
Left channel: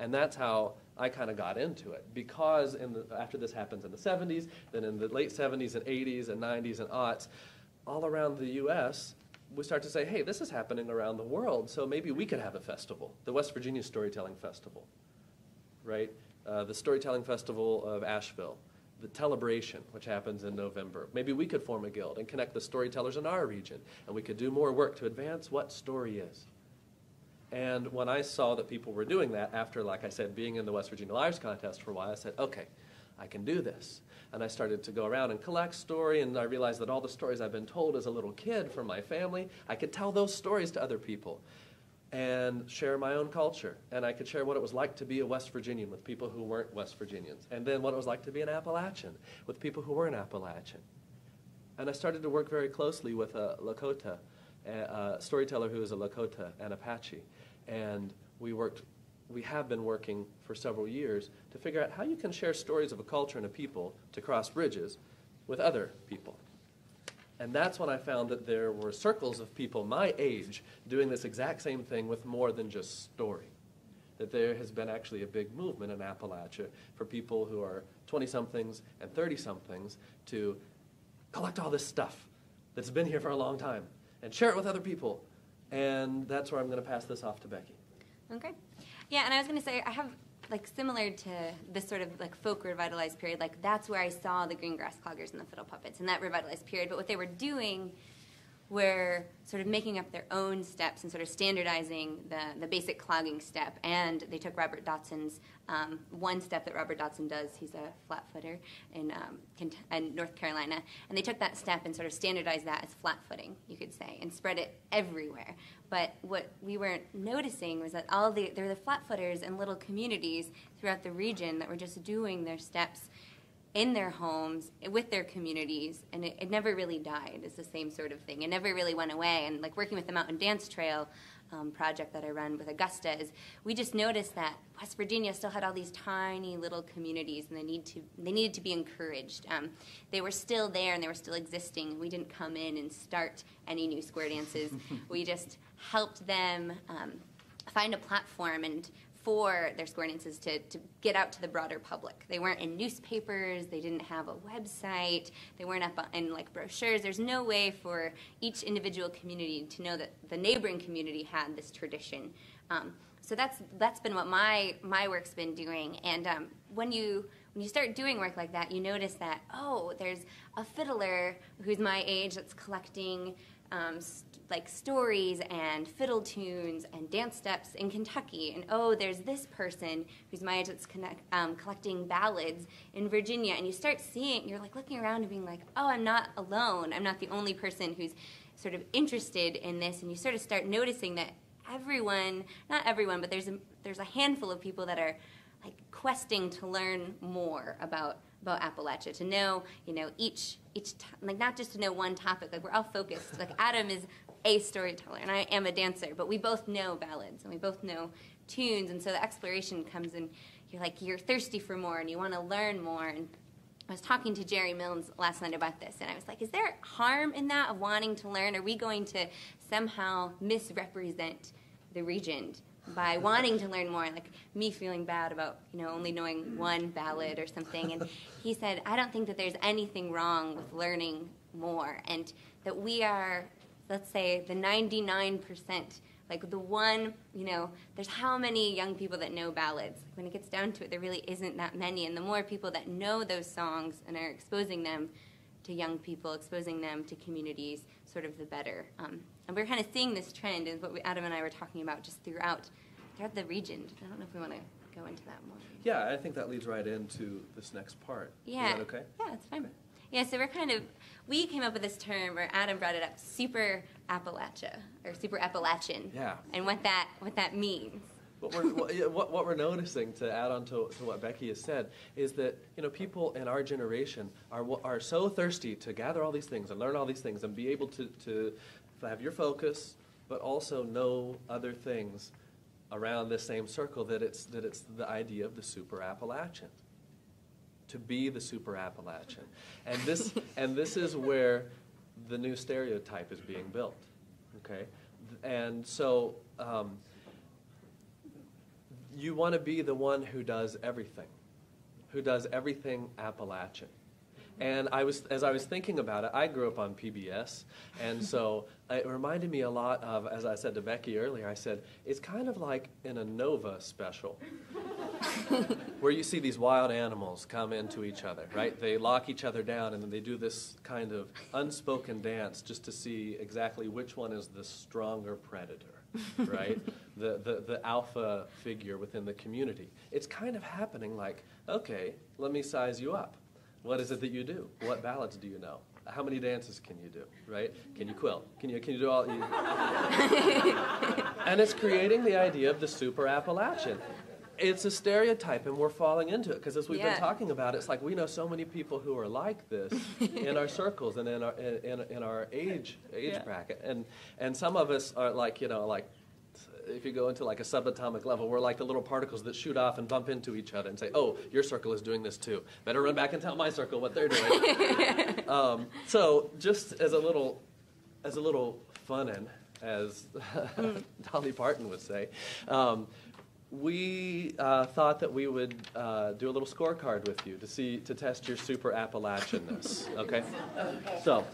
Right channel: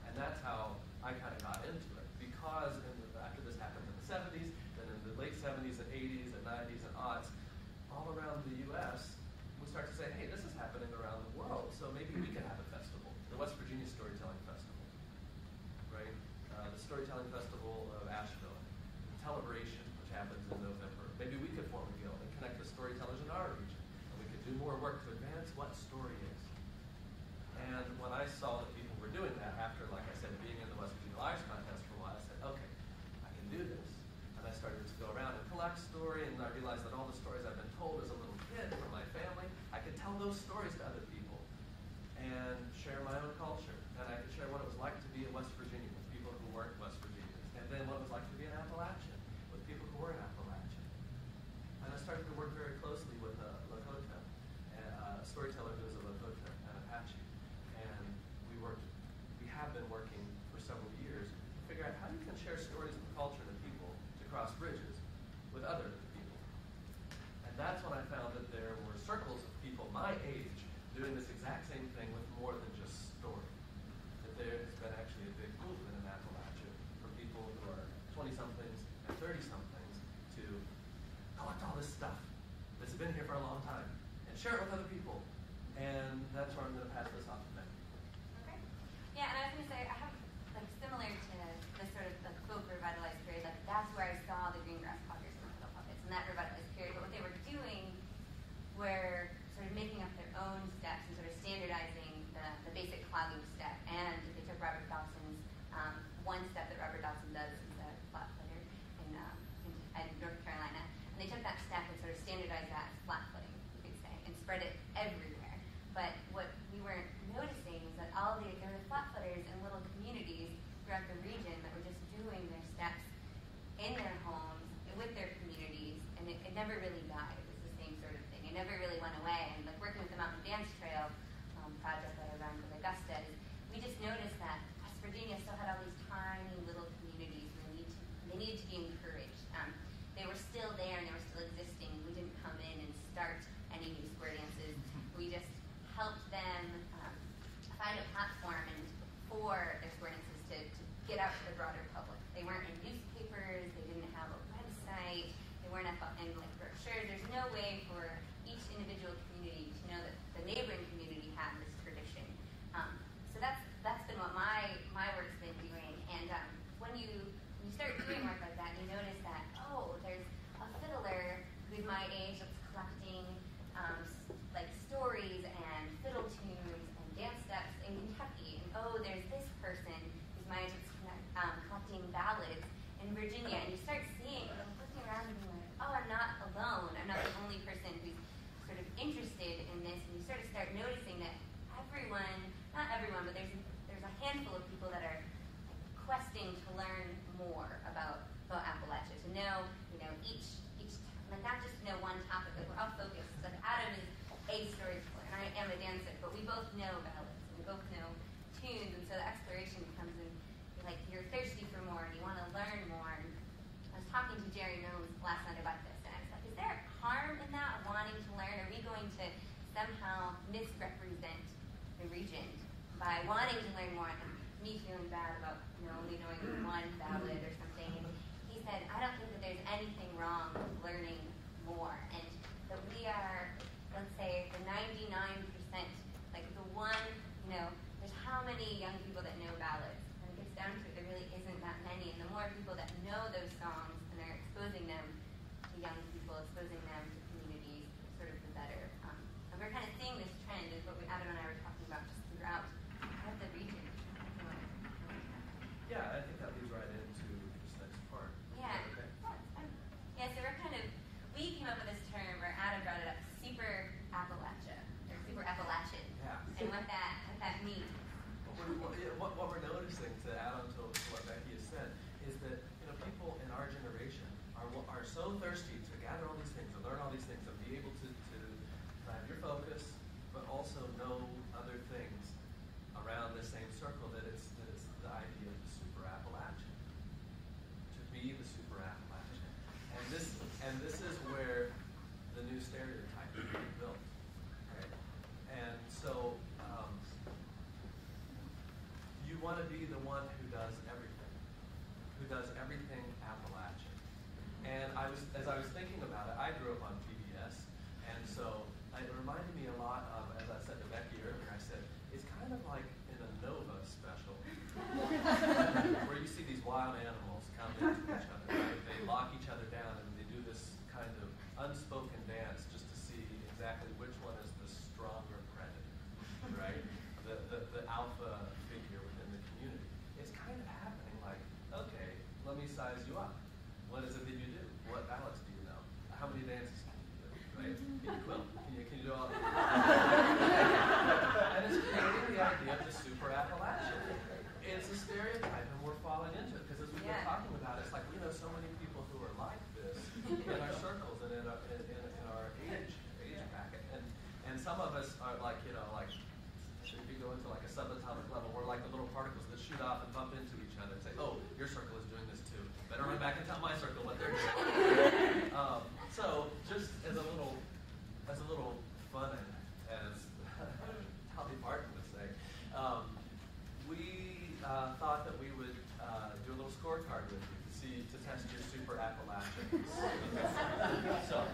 And that's how I kind of got into it, because after this happens in the 70s, then in the late 70s and 80s and 90s and aughts, all around the U.S., we start to say, hey, this is happening around the world, so maybe we could have a festival, the West Virginia Storytelling Festival, right? The Storytelling Festival of Asheville, the Telebration, which happens in November. Maybe we could form a guild and connect the storytellers in our region, and we could do more work to advance what story is. And when I saw that people were doing that after, like I said, being in the West Virginia Lives Contest for a while, I said, okay, I can do this. And I started to go around and collect story, and I realized that all the stories I've been told as a little kid from my family, I could tell those stories to other people and share my own culture. And I could share what it was like to be a West Virginian with people who weren't West Virginians, and then what it was like to be an Appalachian with people who weren't Appalachian. And I started to work very closely with a Lakota, a storyteller who is a Lakota and Apache. And we have been working for several years to figure out how you can share stories of a culture and a people to cross bridges with other people. And that's when I found that there were circles of people my age doing this exact same thing with more than just story. That there has been actually a big movement in Appalachia for people who are 20-somethings and 30-somethings to collect all this stuff that's been here for a long time and share it with other people. And that's where I'm going to pass this off to Becky. Okay. Yeah, and I was going to say, I have, like, similar to this sort of, like, folk revitalized period, like, that's where I saw the green grass cloggers and the fiddle puppets in that revitalized period. But what they were doing were sort of making up their own steps and sort of standardizing the basic clogging step. And they took Robert Dotson's one step that Robert Dotson does. He's a flat footer in North Carolina. And they took that step and sort of standardized that as flat footing, you could say, and spread it everywhere. But what we weren't noticing was that there were the flat footers and little communities throughout the region that were just doing their steps in their homes with their communities, and it never really died. It's the same sort of thing. It never really went away. And like working with the Mountain Dance Trail project that I run with Augusta, we just noticed that West Virginia still had all these tiny little communities, and they needed to be encouraged. They were still there and they were still existing. We didn't come in and start any new square dances. We just helped them find a platform and for their square dances to get out to the broader public. They weren't in newspapers, they didn't have a website, they weren't up in like brochures. There's no way for each individual community to know that the neighboring community had this tradition. So that's been what my work's been doing. And when you start doing work like that, you notice that, oh, there's a fiddler who's my age that's collecting like stories and fiddle tunes and dance steps in Kentucky, and oh, there's this person who's my age that's collecting ballads in Virginia, and you start seeing, you're like looking around and being like, oh, I'm not alone, I'm not the only person who's sort of interested in this, and you sort of start noticing that everyone, not everyone, but there's a handful of people that are like questing to learn more about Appalachia, to know, each like not just to know one topic. Like we're all focused. Like Adam is a storyteller, and I am a dancer, but we both know ballads and we both know tunes, and so the exploration comes in. You're thirsty for more, and you want to learn more. And I was talking to Jerry Milnes last night about this, and I was like, is there harm in that of wanting to learn? Are we going to somehow misrepresent the region by wanting to learn more? Like me feeling bad about only knowing one ballad or something. And he said, I don't think that there's anything wrong with learning more, and that we are, let's say, the 99%, like the one, there's how many young people that know ballads. When it gets down to it, there really isn't that many, and the more people that know those songs and are exposing them to young people, exposing them to communities, sort of the better. And we're kind of seeing this trend, is what Adam and I were talking about just throughout the region. I don't know if we want to go into that more. Yeah, I think that leads right into this next part. Yeah. Is that okay? Yeah, that's fine. Yeah, so we came up with this term, or Adam brought it up, super Appalachia, or super Appalachian. Yeah. And what that means. What we're noticing, to add on to what Becky has said, is that people in our generation are so thirsty to gather all these things and learn all these things and be able to have your focus, but also know other things around this same circle, that it's the idea of the super Appalachian, to be the super Appalachian, and this is where the new stereotype is being built. Okay, and so. You want to be the one who does everything Appalachian. And as I was thinking about it, I grew up on PBS, and so it reminded me a lot of, as I said to Becky earlier, I said, it's kind of like in a Nova special, where you see these wild animals come into each other, right? They lock each other down, and then they do this kind of unspoken dance just to see exactly which one is the stronger predator, right? The alpha figure within the community. It's kind of happening like, okay, let me size you up. What is it that you do? What ballads do you know? How many dances can you do, right? Can you quill? Can you do all? And it's creating the idea of the super Appalachian. It's a stereotype, and we're falling into it, because as we've been talking about, it's like we know so many people who are like this in our circles and in our age bracket, and some of us are like, if you go into like a subatomic level, we're like the little particles that shoot off and bump into each other and say, oh, your circle is doing this too. Better run back and tell my circle what they're doing. So just as a little fun, and as Dolly Parton would say, we thought that we would do a little scorecard with you to test your super Appalachianness. Okay, so.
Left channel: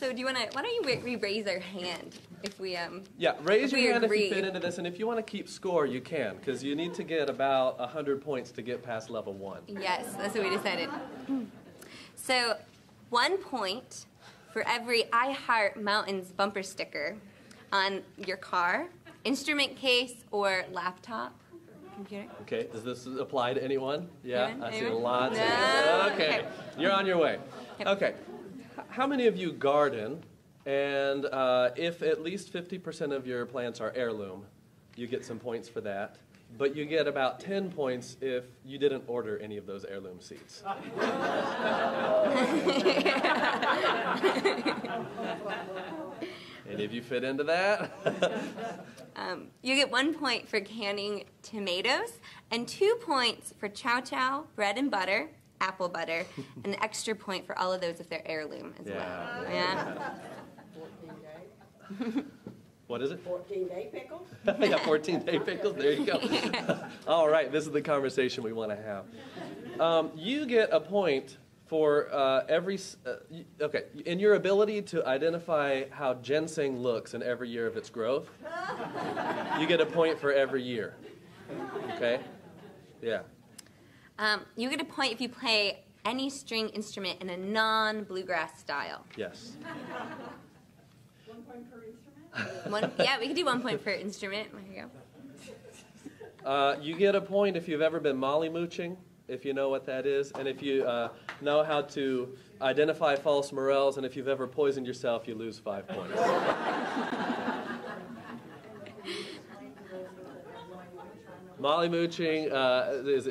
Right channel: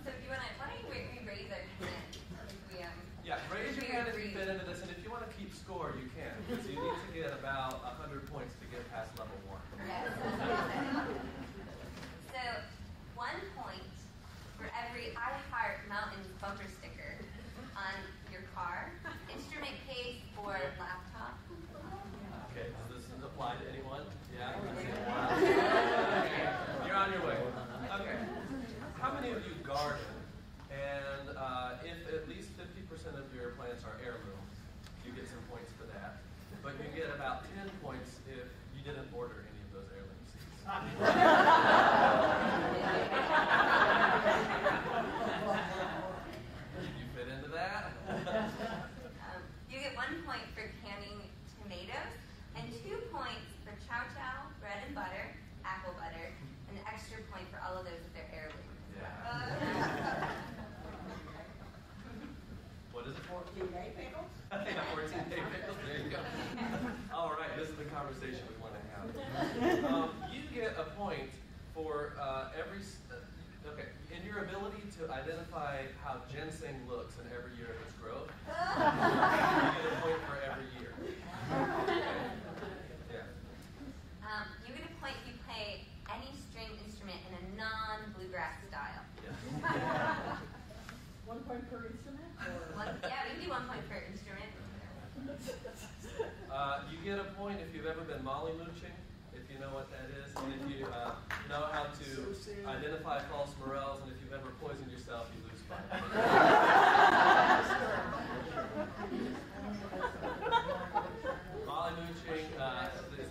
So why don't you raise our hand if we raise your hand agree. if you fit into this, and if you want to keep score, you can, because you need to get about 100 points to get past level 1. Yes, that's what we decided. So 1 point for every I Heart Mountains bumper sticker on your car, instrument case, or laptop. Computer. Okay, does this apply to anyone? Yeah, I see Anyone? lots of Okay, you're on your way. Okay, how many of you garden? And if at least 50% of your plants are heirloom, you get some points for that. But you get about 10 points if you didn't order any of those heirloom seeds. Any of you fit into that? You get 1 point for canning tomatoes, and 2 points for chow chow, bread and butter, apple butter, and an extra point for all of those if they're heirloom as well. Yeah. What is it? 14-day pickles? Yeah, 14-day pickles. There you go. All right, this is the conversation we want to have. You get a point for every... okay, in your ability to identify how ginseng looks in every year of its growth, you get a point for every year. Okay? Yeah. You get a point if you play any string instrument in a non-bluegrass style. Yes. 1 point per instrument? Yeah, we could do 1 point per instrument. There you go. You get a point if you've ever been molly mooching, if you know what that is, and if you know how to identify false morels, and if you've ever poisoned yourself, you lose 5 points. Molly mooching is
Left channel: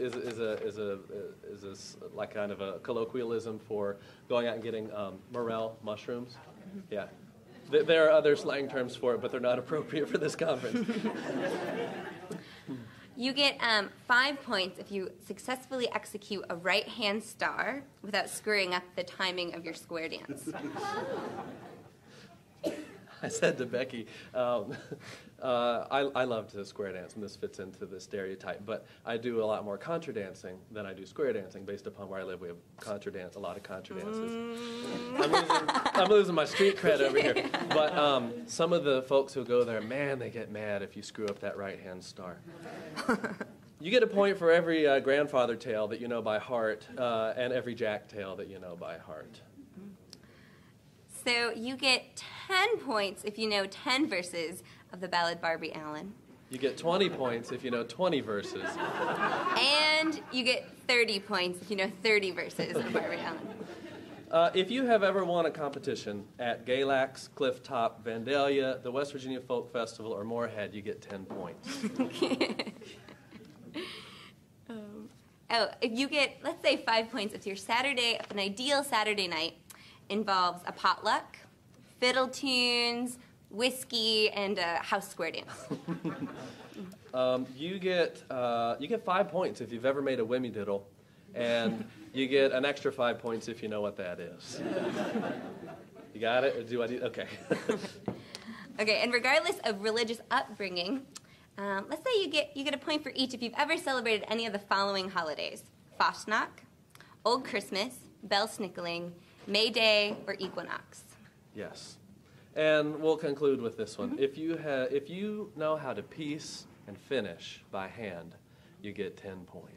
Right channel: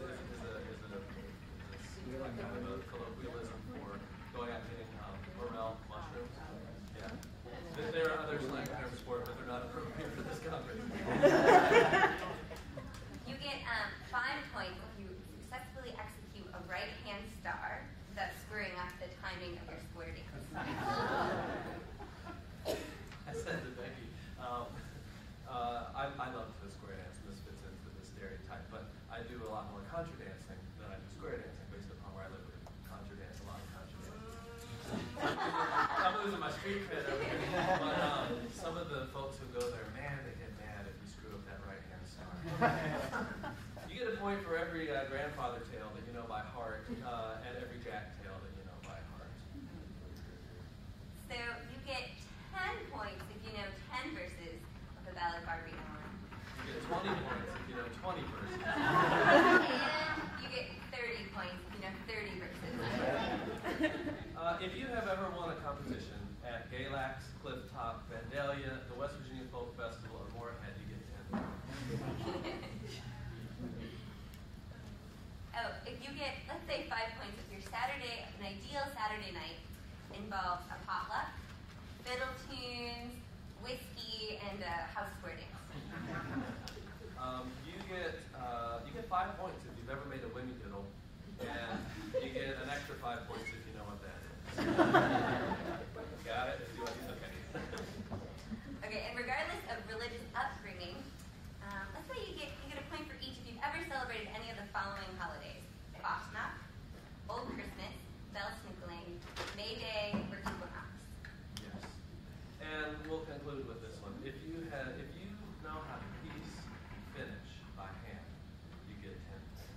like kind of a colloquialism for going out and getting morel mushrooms. Yeah. There are other slang terms for it, but they're not appropriate for this conference. You get 5 points if you successfully execute a right-hand star without screwing up the timing of your square dance. I said to Becky, I love to square dance, and this fits into the stereotype, but I do a lot more contra dancing than I do square dancing. Based upon where I live, we have a lot of contra dances. I'm losing my street cred over here. But some of the folks who go there, man, they get mad if you screw up that right-hand star. You get a point for every grandfather tale that you know by heart, and every jack tale that you know by heart. So you get 10 points if you know 10 verses of the ballad Barbie Allen. You get 20 points if you know 20 verses. And you get 30 points if you know 30 verses of Barbertown. If you have ever won a competition at Galax, Clifftop, Vandalia, the West Virginia Folk Festival, or Moorhead, you get 10 points. Oh, if you get, let's say, 5 points if your Saturday, if an ideal Saturday night involves a potluck, fiddle tunes, whiskey, and a house square dance. You get 5 points if you've ever made a wimmy diddle, and you get an extra 5 points if you know what that is. You got it? Or do I need? Okay. Okay, and regardless of religious upbringing, let's say you get a point for each if you've ever celebrated any of the following holidays: Fastnacht, Old Christmas, Belsnickeling, May Day, or Equinox. Yes. And we'll conclude with this one. If you know how to piece and finish by hand, you get 10 points.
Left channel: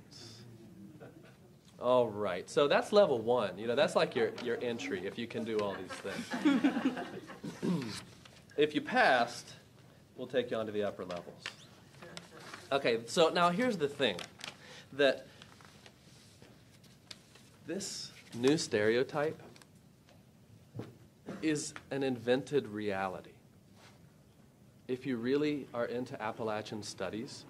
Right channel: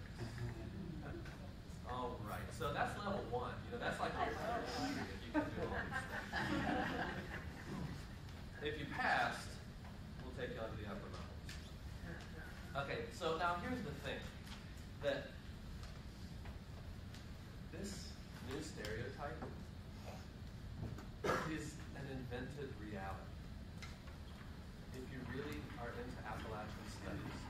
All right. So that's level 1. You know, that's like your entry if you can do all these things. If you passed, we'll take you on to the upper levels. Okay, so now here's the thing, that this new stereotype is an invented reality. If you really are into Appalachian studies,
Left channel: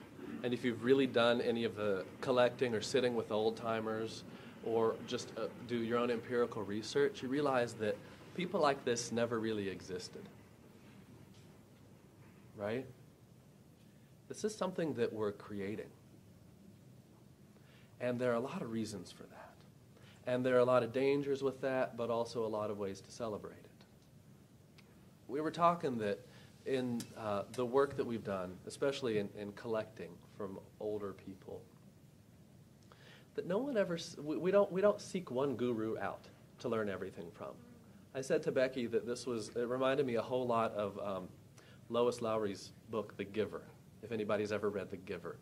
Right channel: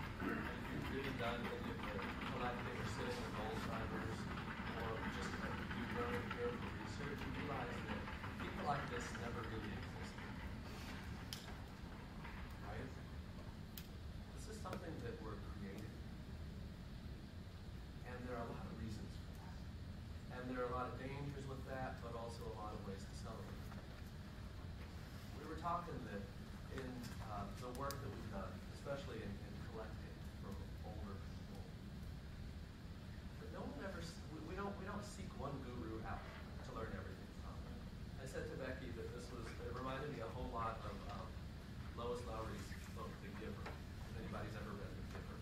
and if you've really done any of the collecting or sitting with old-timers, or just do your own empirical research, you realize that people like this never really existed. Right? This is something that we're creating. And there are a lot of reasons for that. And there are a lot of dangers with that, but also a lot of ways to celebrate it. We were talking that in the work that we've done, especially in collecting from older people, that no one ever, we don't seek one guru out to learn everything from. I said to Becky that it reminded me a whole lot of Lois Lowry's book, The Giver, if anybody's ever read The Giver.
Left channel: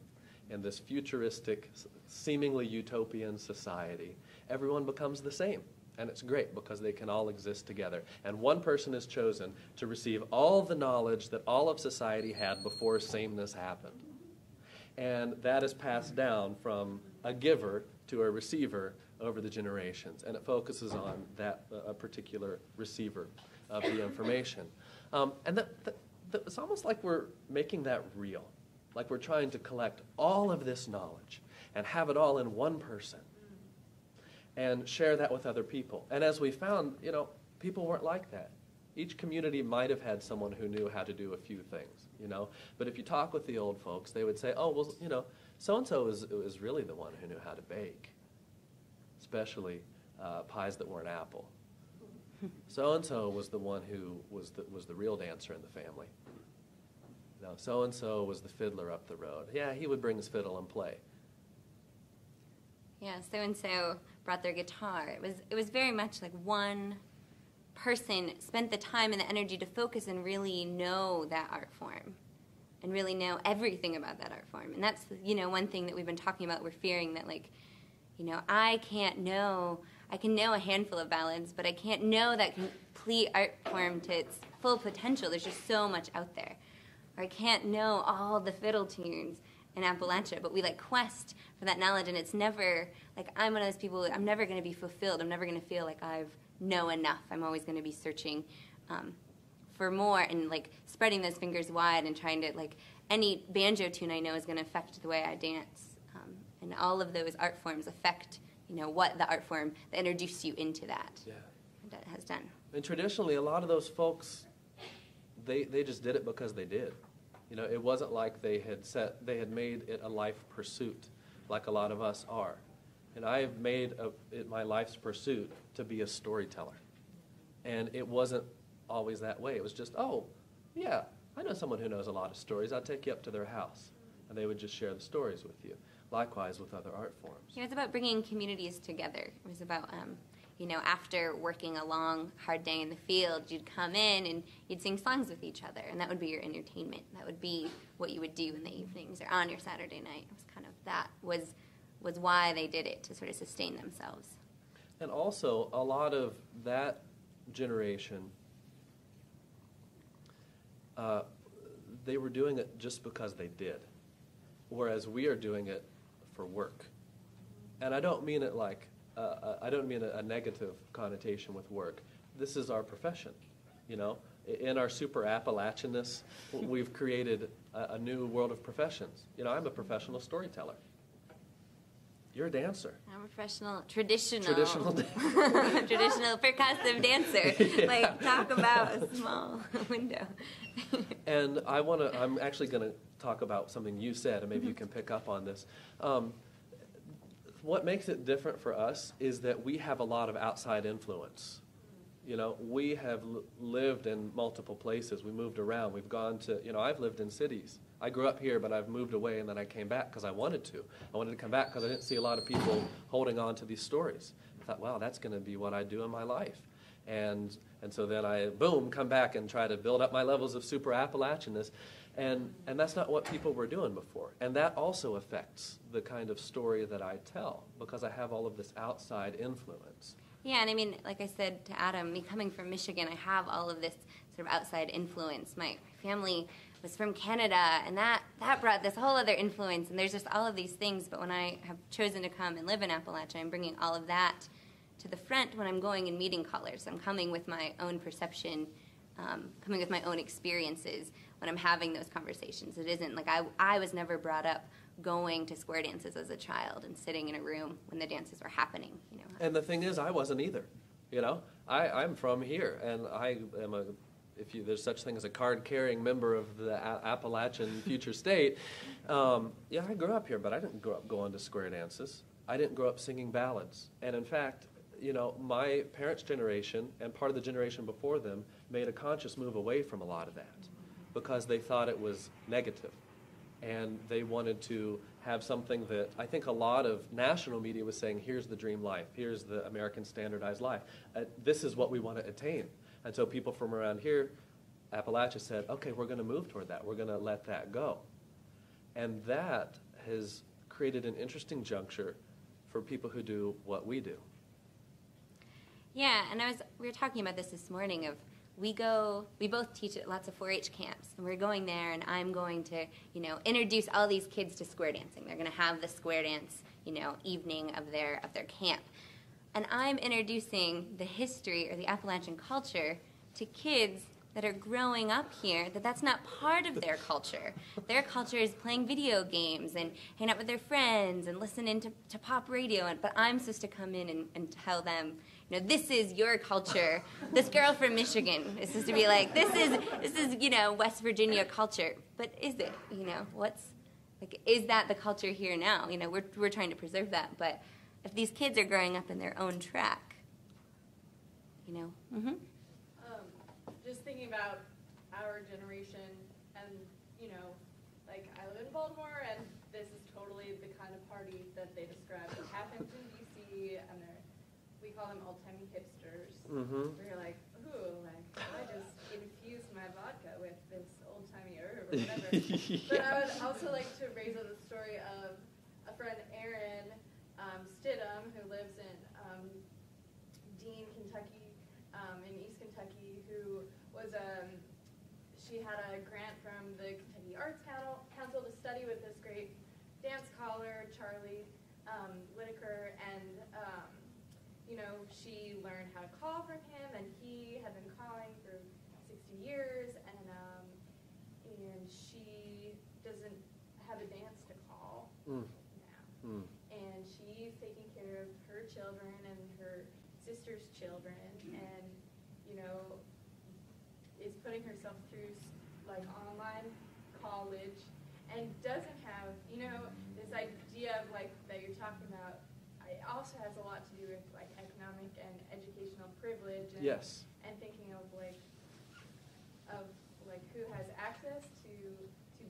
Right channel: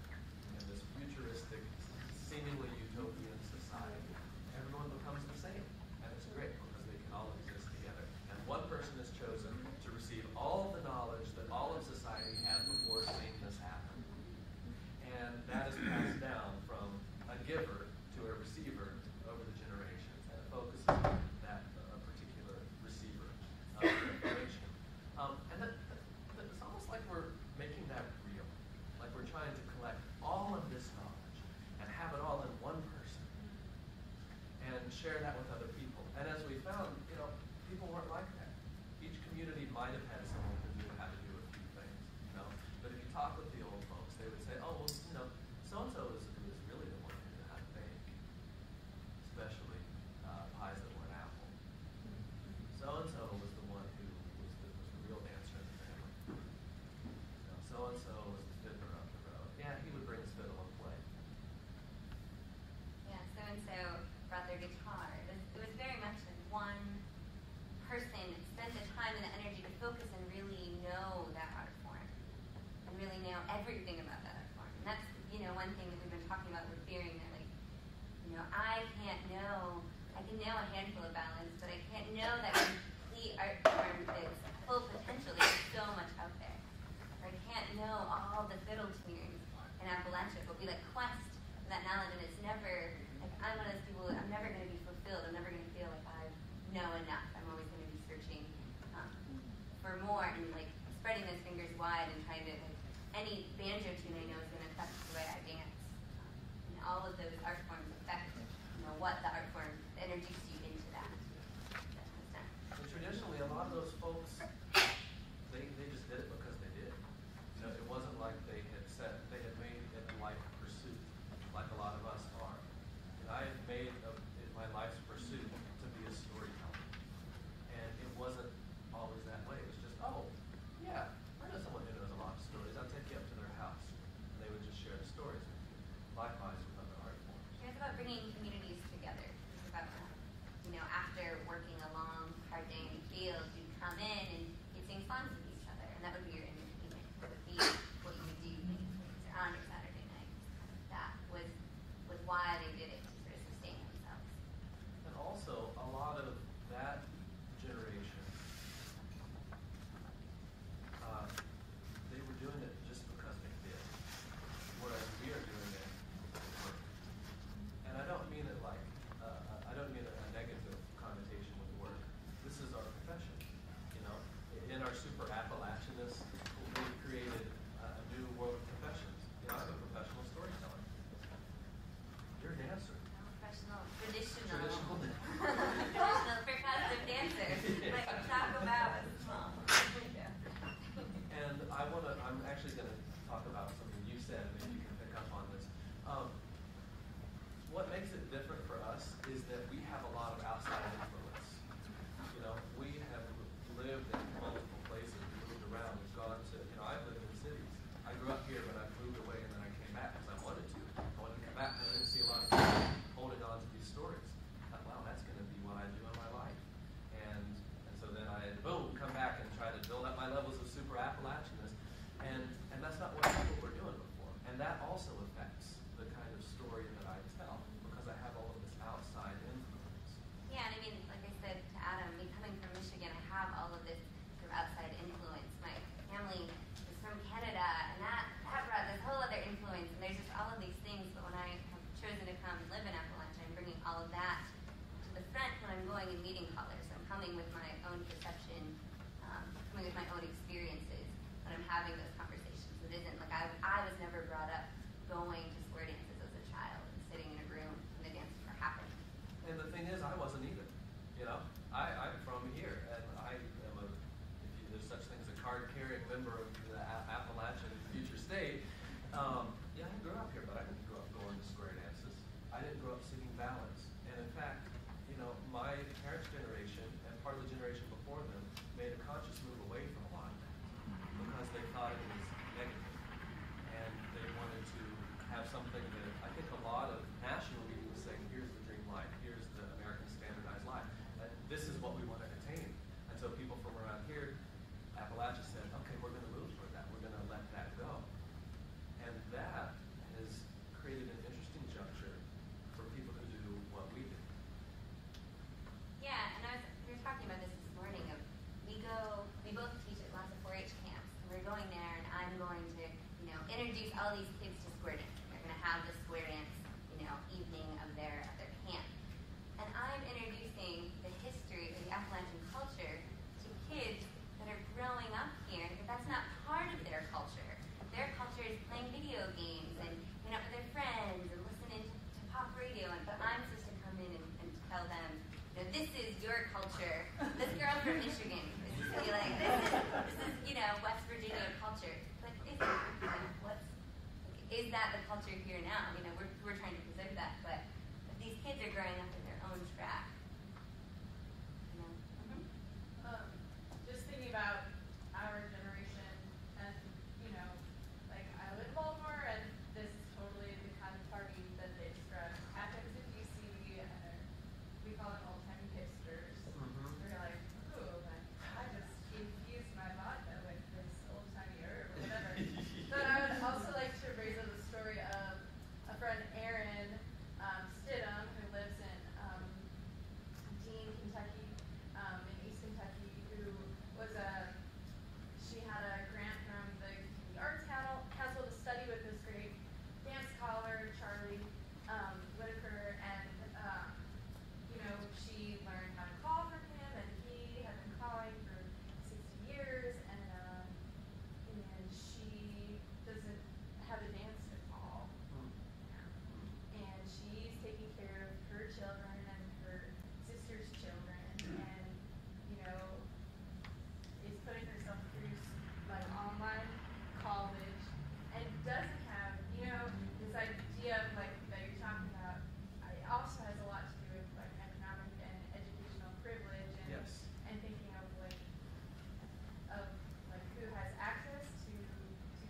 In this futuristic, seemingly utopian society, everyone becomes the same. And it's great because they can all exist together. And one person is chosen to receive all the knowledge that all of society had before sameness happened. And that is passed down from a giver to a receiver over the generations. And it focuses on that particular receiver of the information. And it's almost like we're making that real. Like we're trying to collect all of this knowledge and have it all in one person and share that with other people. And as we found, people weren't like that. Each community might have had someone who knew how to do a few things, But if you talk with the old folks, they would say, oh, well, so-and-so is really the one who knew how to bake, especially pies that weren't apple. So-and-so was the one who was the real dancer in the family. So-and-so was the fiddler up the road. Yeah, he would bring his fiddle and play. Yeah, so-and-so brought their guitar. It was very much like one person spent the time and the energy to focus and really know that art form and really know everything about that art form. And that's, one thing that we've been talking about. We're fearing that, I can know a handful of ballads, but I can't know that complete art form to its full potential. There's just so much out there. Or I can't know all the fiddle tunes in Appalachia, but we quest for that knowledge, and it's never, I'm one of those people, I'm never going to be fulfilled. I'm never going to feel like I know enough. I'm always going to be searching for more and spreading those fingers wide and trying to, any banjo tune I know is going to affect the way I dance. And all of those art forms affect, what the art form that introduced you into that has done. And traditionally, a lot of those folks, they just did it because they did. It wasn't like they had made it a life pursuit like a lot of us are. And I have made it my life's pursuit to be a storyteller. And it wasn't always that way. It was just, oh, yeah, I know someone who knows a lot of stories. I'll take you up to their house. And they would just share the stories with you. Likewise with other art forms. It's about bringing communities together. It was about, after working a long, hard day in the field, you'd come in and you'd sing songs with each other. And that would be your entertainment. That would be what you would do in the evenings or on your Saturday night. It's kind of that was why they did it, to sort of sustain themselves. And also, a lot of that generation, they were doing it just because they did, whereas we are doing it for work. And I don't mean it like, I don't mean a negative connotation with work. This is our profession, you know. In our super Appalachianness, we've created a new world of professions. You know, I'm a professional storyteller. You're a dancer. I'm a professional, traditional Traditional percussive dancer. Yeah. Like, talk about a small window. And I'm actually going to talk about something you said, and maybe you can pick up on this. What makes it different for us is that we have a lot of outside influence. You know, we have lived in multiple places. We moved around. We've gone to, you know, I've lived in cities. I grew up here, but I've moved away, and then I came back because I wanted to. I wanted to come back because I didn't see a lot of people holding on to these stories. I thought, wow, that's going to be what I do in my life. And so then I, boom, come back and try to build up my levels of super Appalachianness. And that's not what people were doing before. And that also affects the kind of story that I tell, because I have all of this outside influence. Yeah, and I mean, like I said to Adam, me coming from Michigan, I have all of this sort of outside influence. My family was from Canada, and that brought this whole other influence, and there's just all of these things. But when I have chosen to come and live in Appalachia, I'm bringing all of that to the front when I'm going and meeting callers. I'm coming with my own perception, coming with my own experiences when I'm having those conversations. It isn't like I was never brought up going to square dances as a child and sitting in a room when the dances were happening. You know? And the thing is, I wasn't either. You know, I'm from here, and I am there's such thing as a card-carrying member of the Appalachian future state. Yeah, I grew up here, but I didn't grow up going to square dances. I didn't grow up singing ballads. And in fact, you know, my parents' generation and part of the generation before them made a conscious move away from a lot of that because they thought it was negative. And they wanted to have something that I think a lot of national media was saying, here's the dream life, here's the American standardized life. This is what we want to attain. And so people from around here, Appalachia, said, okay, we're going to move toward that. We're going to let that go. And that has created an interesting juncture for people who do what we do. Yeah, and we were talking about this morning of we both teach at lots of 4-H camps, and we're going there, and I'm going to, you know, introduce all these kids to square dancing. They're going to have the square dance, you know, evening of their camp. And I'm introducing the history or the Appalachian culture to kids that are growing up here, that's not part of their culture. Their culture is playing video games and hanging out with their friends and listening to pop radio. But I'm supposed to come in and tell them, you know, this is your culture. This girl from Michigan is supposed to be like, this is you know, West Virginia culture. But is it? You know, is that the culture here now? You know, we're trying to preserve that. But if these kids are growing up in their own track, you know. Mm-hmm. Just thinking about our generation, and you know, like I live in Baltimore, and this is totally the kind of party that they describe. It happens in DC, and we call them old-timey hipsters. Mm-hmm. They're like, ooh, I just infused my vodka with this old-timey herb, or whatever. But I would also like to raise the story of a friend, Erin Stidham, who lives in Dean, Kentucky, in East Kentucky, who was she had a grant from the Kentucky Arts Council to study with this great dance scholar, Charlie Whitaker, and you know, she learned how to call from him, and he had been calling for 60 years, and she doesn't have a dance to call now. And she's taking care of her children and her sister's children, and you know, is putting herself through like online college, and doesn't have, you know, this idea of like that you're talking about. It also has a lot to do with like economic and educational privilege, and, Yes. and thinking of like who has access to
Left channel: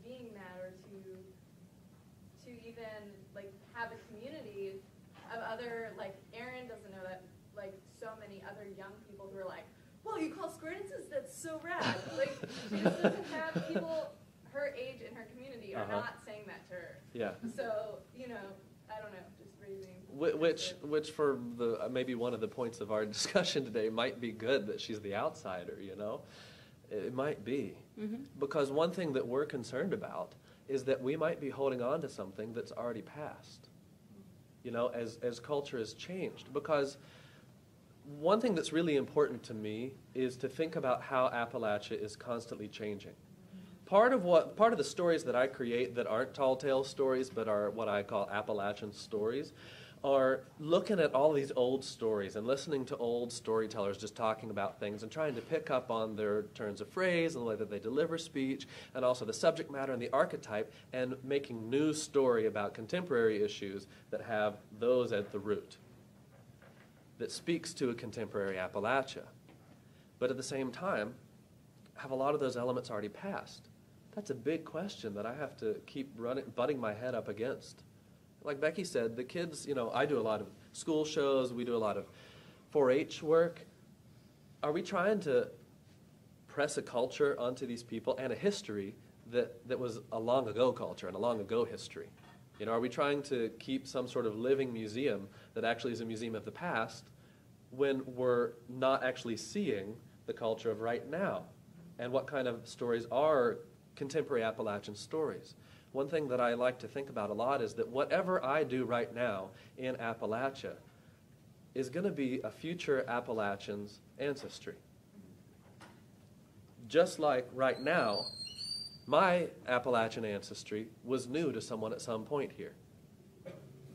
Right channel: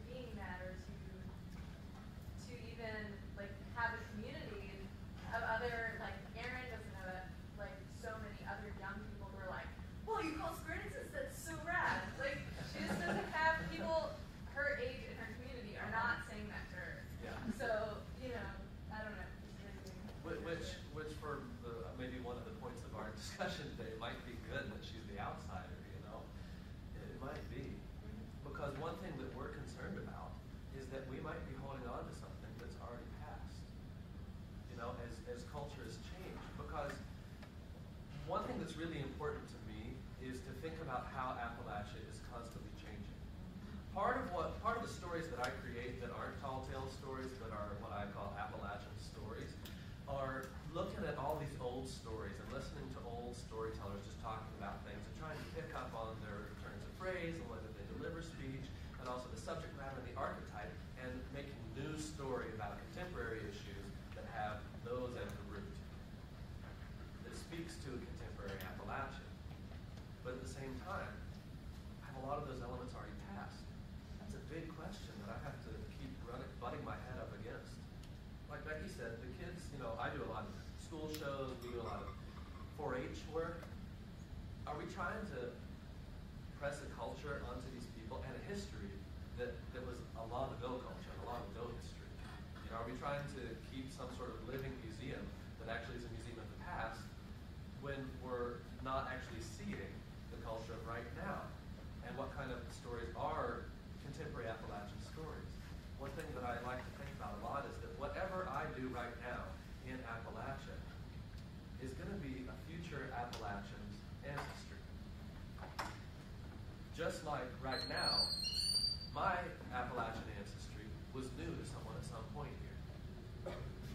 being that, or to even like have a community of other, like Erin doesn't know that like so many other young people who are like, whoa, you call square dances? That's so rad. Like she just doesn't have people her age in her community are not saying that to her. Yeah. So, you know, I don't know, it's crazy. Which for maybe one of the points of our discussion today might be good that she's the outsider, you know. It might be. Mm-hmm. Because one thing that we're concerned about is that we might be holding on to something that's already passed, you know, as culture has changed. Because one thing that's really important to me is to think about how Appalachia is constantly changing. Part of the stories that I create that aren't tall tale stories but are what I call Appalachian stories are looking at all these old stories and listening to old storytellers just talking about things and trying to pick up on their turns of phrase and the way that they deliver speech and also the subject matter and the archetype and making new story about contemporary issues that have those at the root, that speaks to a contemporary Appalachia. But at the same time, have a lot of those elements already passed? That's a big question that I have to keep butting my head up against. Like Becky said, the kids, you know, I do a lot of school shows, we do a lot of 4-H work. Are we trying to press a culture onto these people and a history that was a long ago culture and a long ago history? You know, are we trying to keep some sort of living museum that actually is a museum of the past when we're not actually seeing the culture of right now? And what kind of stories are contemporary Appalachian stories? One thing that I like to think about a lot is that whatever I do right now in Appalachia is going to be a future Appalachian's ancestry. Just like right now, my Appalachian ancestry was new to someone at some point here,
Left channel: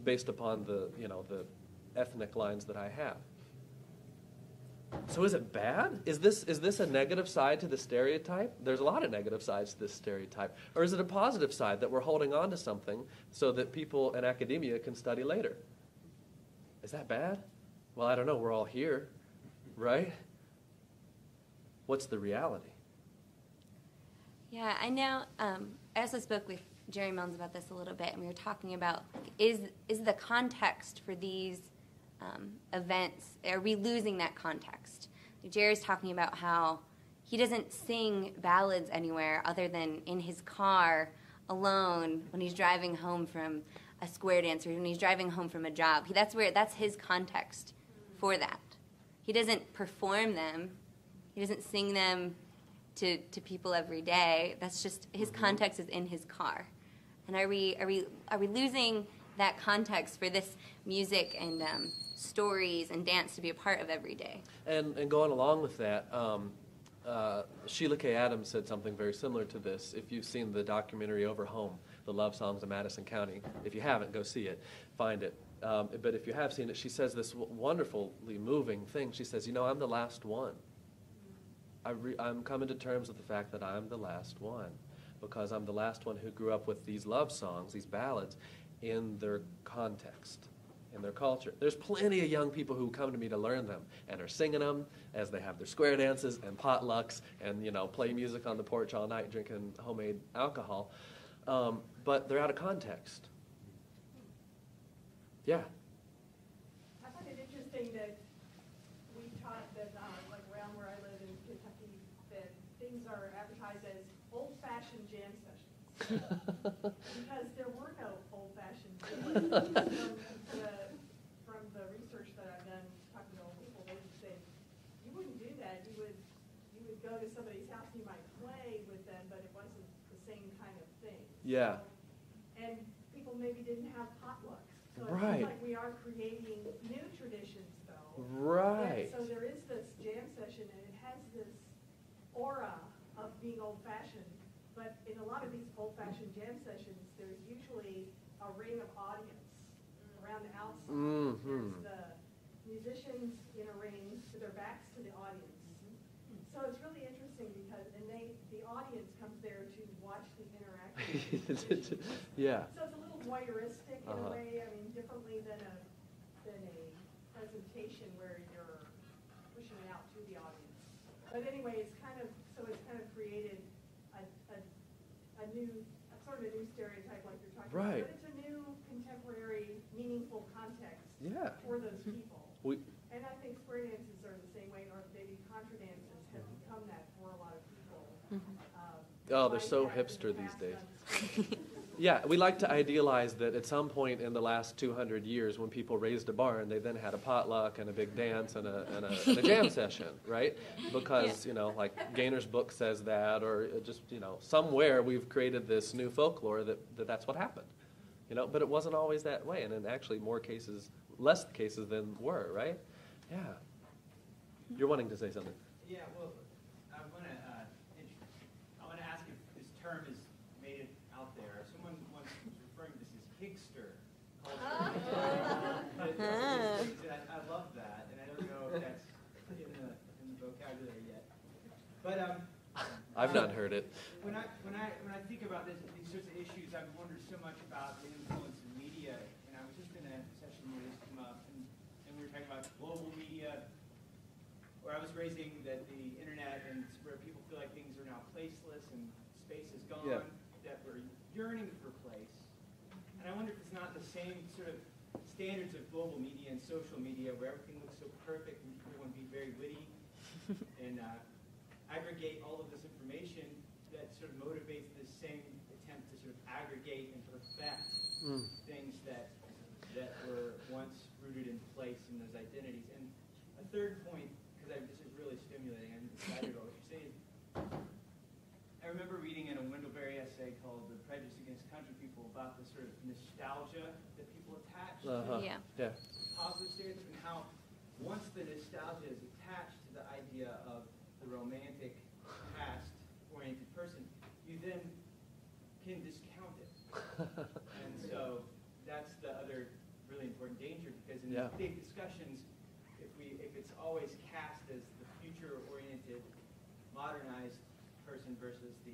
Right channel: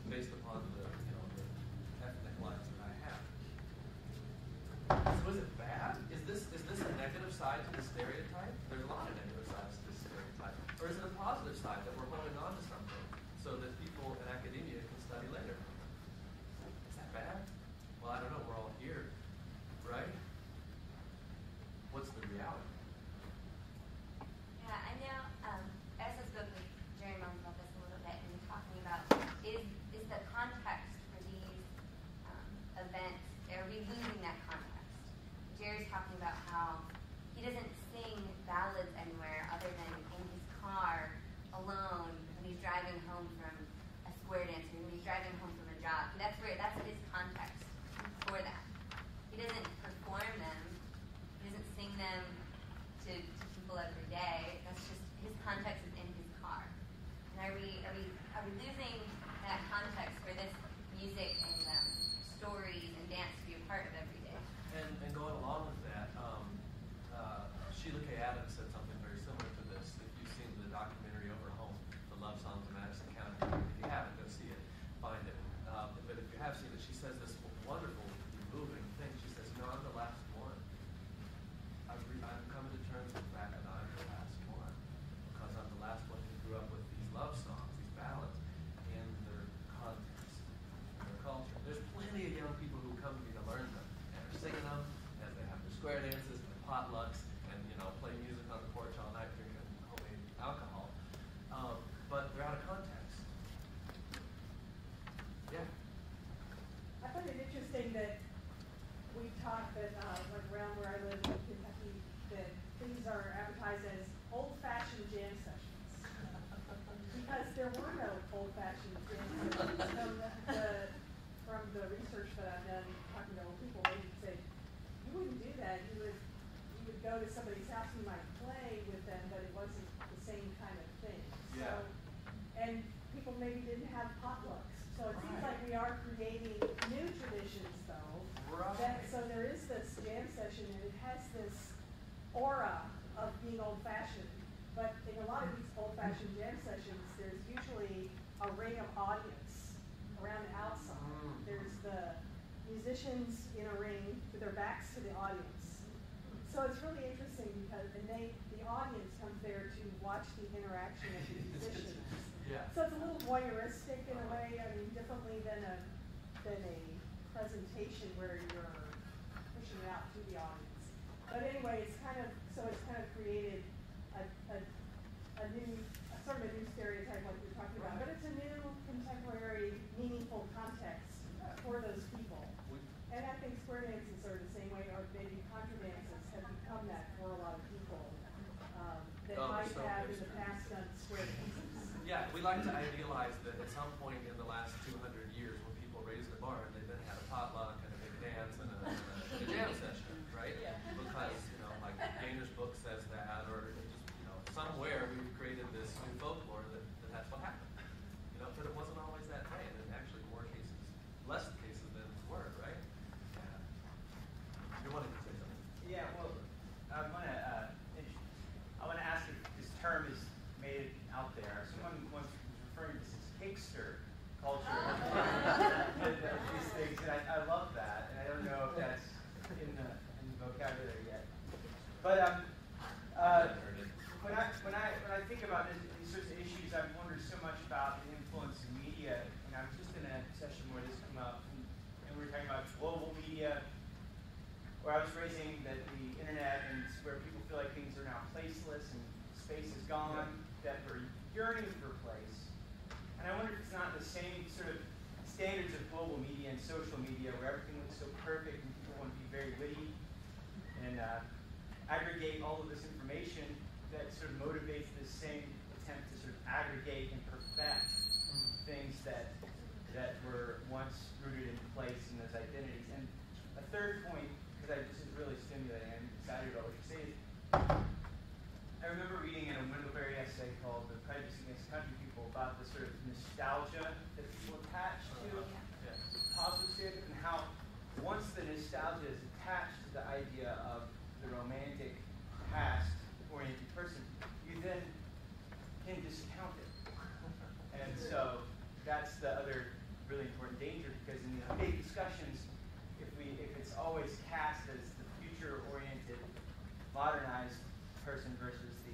based upon the ethnic lines that I have. So is it bad? Is this a negative side to the stereotype? There's a lot of negative sides to this stereotype. Or is it a positive side that we're holding on to something so that people in academia can study later? Is that bad? Well, I don't know. We're all here, right? What's the reality? Yeah, I know. I also spoke with Jerry Milnes about this a little bit, and we were talking about is the context for these events, are we losing that context? Jerry's talking about how he doesn't sing ballads anywhere other than in his car alone when he's driving home from a square dance or when he's driving home from a job. That's his context for that. He doesn't perform them. He doesn't sing them to people every day. That's just his context is in his car. And are we losing that context for this music and stories and dance to be a part of every day? And going along with that, Sheila K. Adams said something very similar to this. If you've seen the documentary Over Home, The Love Songs of Madison County, if you haven't, go see it, find it. But if you have seen it, she says this wonderfully moving thing. She says, you know, I'm the last one. I'm coming to terms with the fact that I'm the last one because I'm the last one who grew up with these love songs, these ballads, in their context, in their culture. There's plenty of young people who come to me to learn them and are singing them as they have their square dances and potlucks and, you know, play music on the porch all night drinking homemade alcohol. But they're out of context. Yeah. I find it interesting that we taught that, like around where I live in Kentucky, that things are advertised as old-fashioned jam sessions. Because there were no old-fashioned jam sessions. From the research that I've done, talking to old people, they would say, you wouldn't do that. You would go to somebody's house, you might play with them, but it wasn't the same kind of thing. Yeah. So, and people maybe didn't have potlucks. So it Right. seems like we are creating new traditions, though. Right. So there is this jam session, and it has this aura of being old-fashioned. But in a lot of these old-fashioned jam sessions, there's usually a ring of audience around the outside. Mm-hmm. There's the musicians in a ring with their backs to the audience. So it's really interesting because the audience comes there to watch the interaction with the musicians. Yeah. So it's a little voyeuristic in a Uh-huh. way, I mean, differently than a presentation where you're pushing it out to the audience. But anyway, it's kind of created a new, sort of a new stereotype like you're talking Right. about. But it's a new, contemporary, meaningful context Yeah. for those people. We, And I think square dances are the same way, or maybe contra dances have become that for a lot of people. Oh, they're Might so have in hipster the these past days. done square dances. Yeah, we like to idealize that at some point in the last 200 years, when people raised a barn, they then had a potluck and a big dance and a jam session, right? Because, you know, like Gaynor's book says that, or just, you know, somewhere we've created this new folklore that that's what happened. You know, but it wasn't always that way, and in actually less cases than were, right? Yeah. You're wanting to say something. Yeah, well, I want to ask if this term is made it out there. Someone once was referring to this as Higster culture. I love that, and I don't know if that's in the vocabulary yet. But I've not heard it. When I think about these sorts of issues, I've wondered so much about the influence of media. And I was just in a session where this came up, and we were talking about global media, where I was raising the internet and where people feel like things are now placeless and space is gone, that we're yearning for place. And I wonder if it's not the same sort of standards of global media and social media where everything looks so perfect and people want to be very witty and aggregate all of this information that sort of motivates this same attempt to sort of aggregate and perfect things that were once rooted in place in those identities. And a third point, because this is really stimulating, I'm excited about what you're saying. I remember reading in a Wendell-Berry essay called The Prejudice Against Country People about the sort of nostalgia that people attach to positive stereotypes, and how once the nostalgia is attached to the idea of the romantic past-oriented person, you then can discount it. And so that's the other really important danger, because in these big discussions, if it's always cast as the future-oriented, modernized person versus the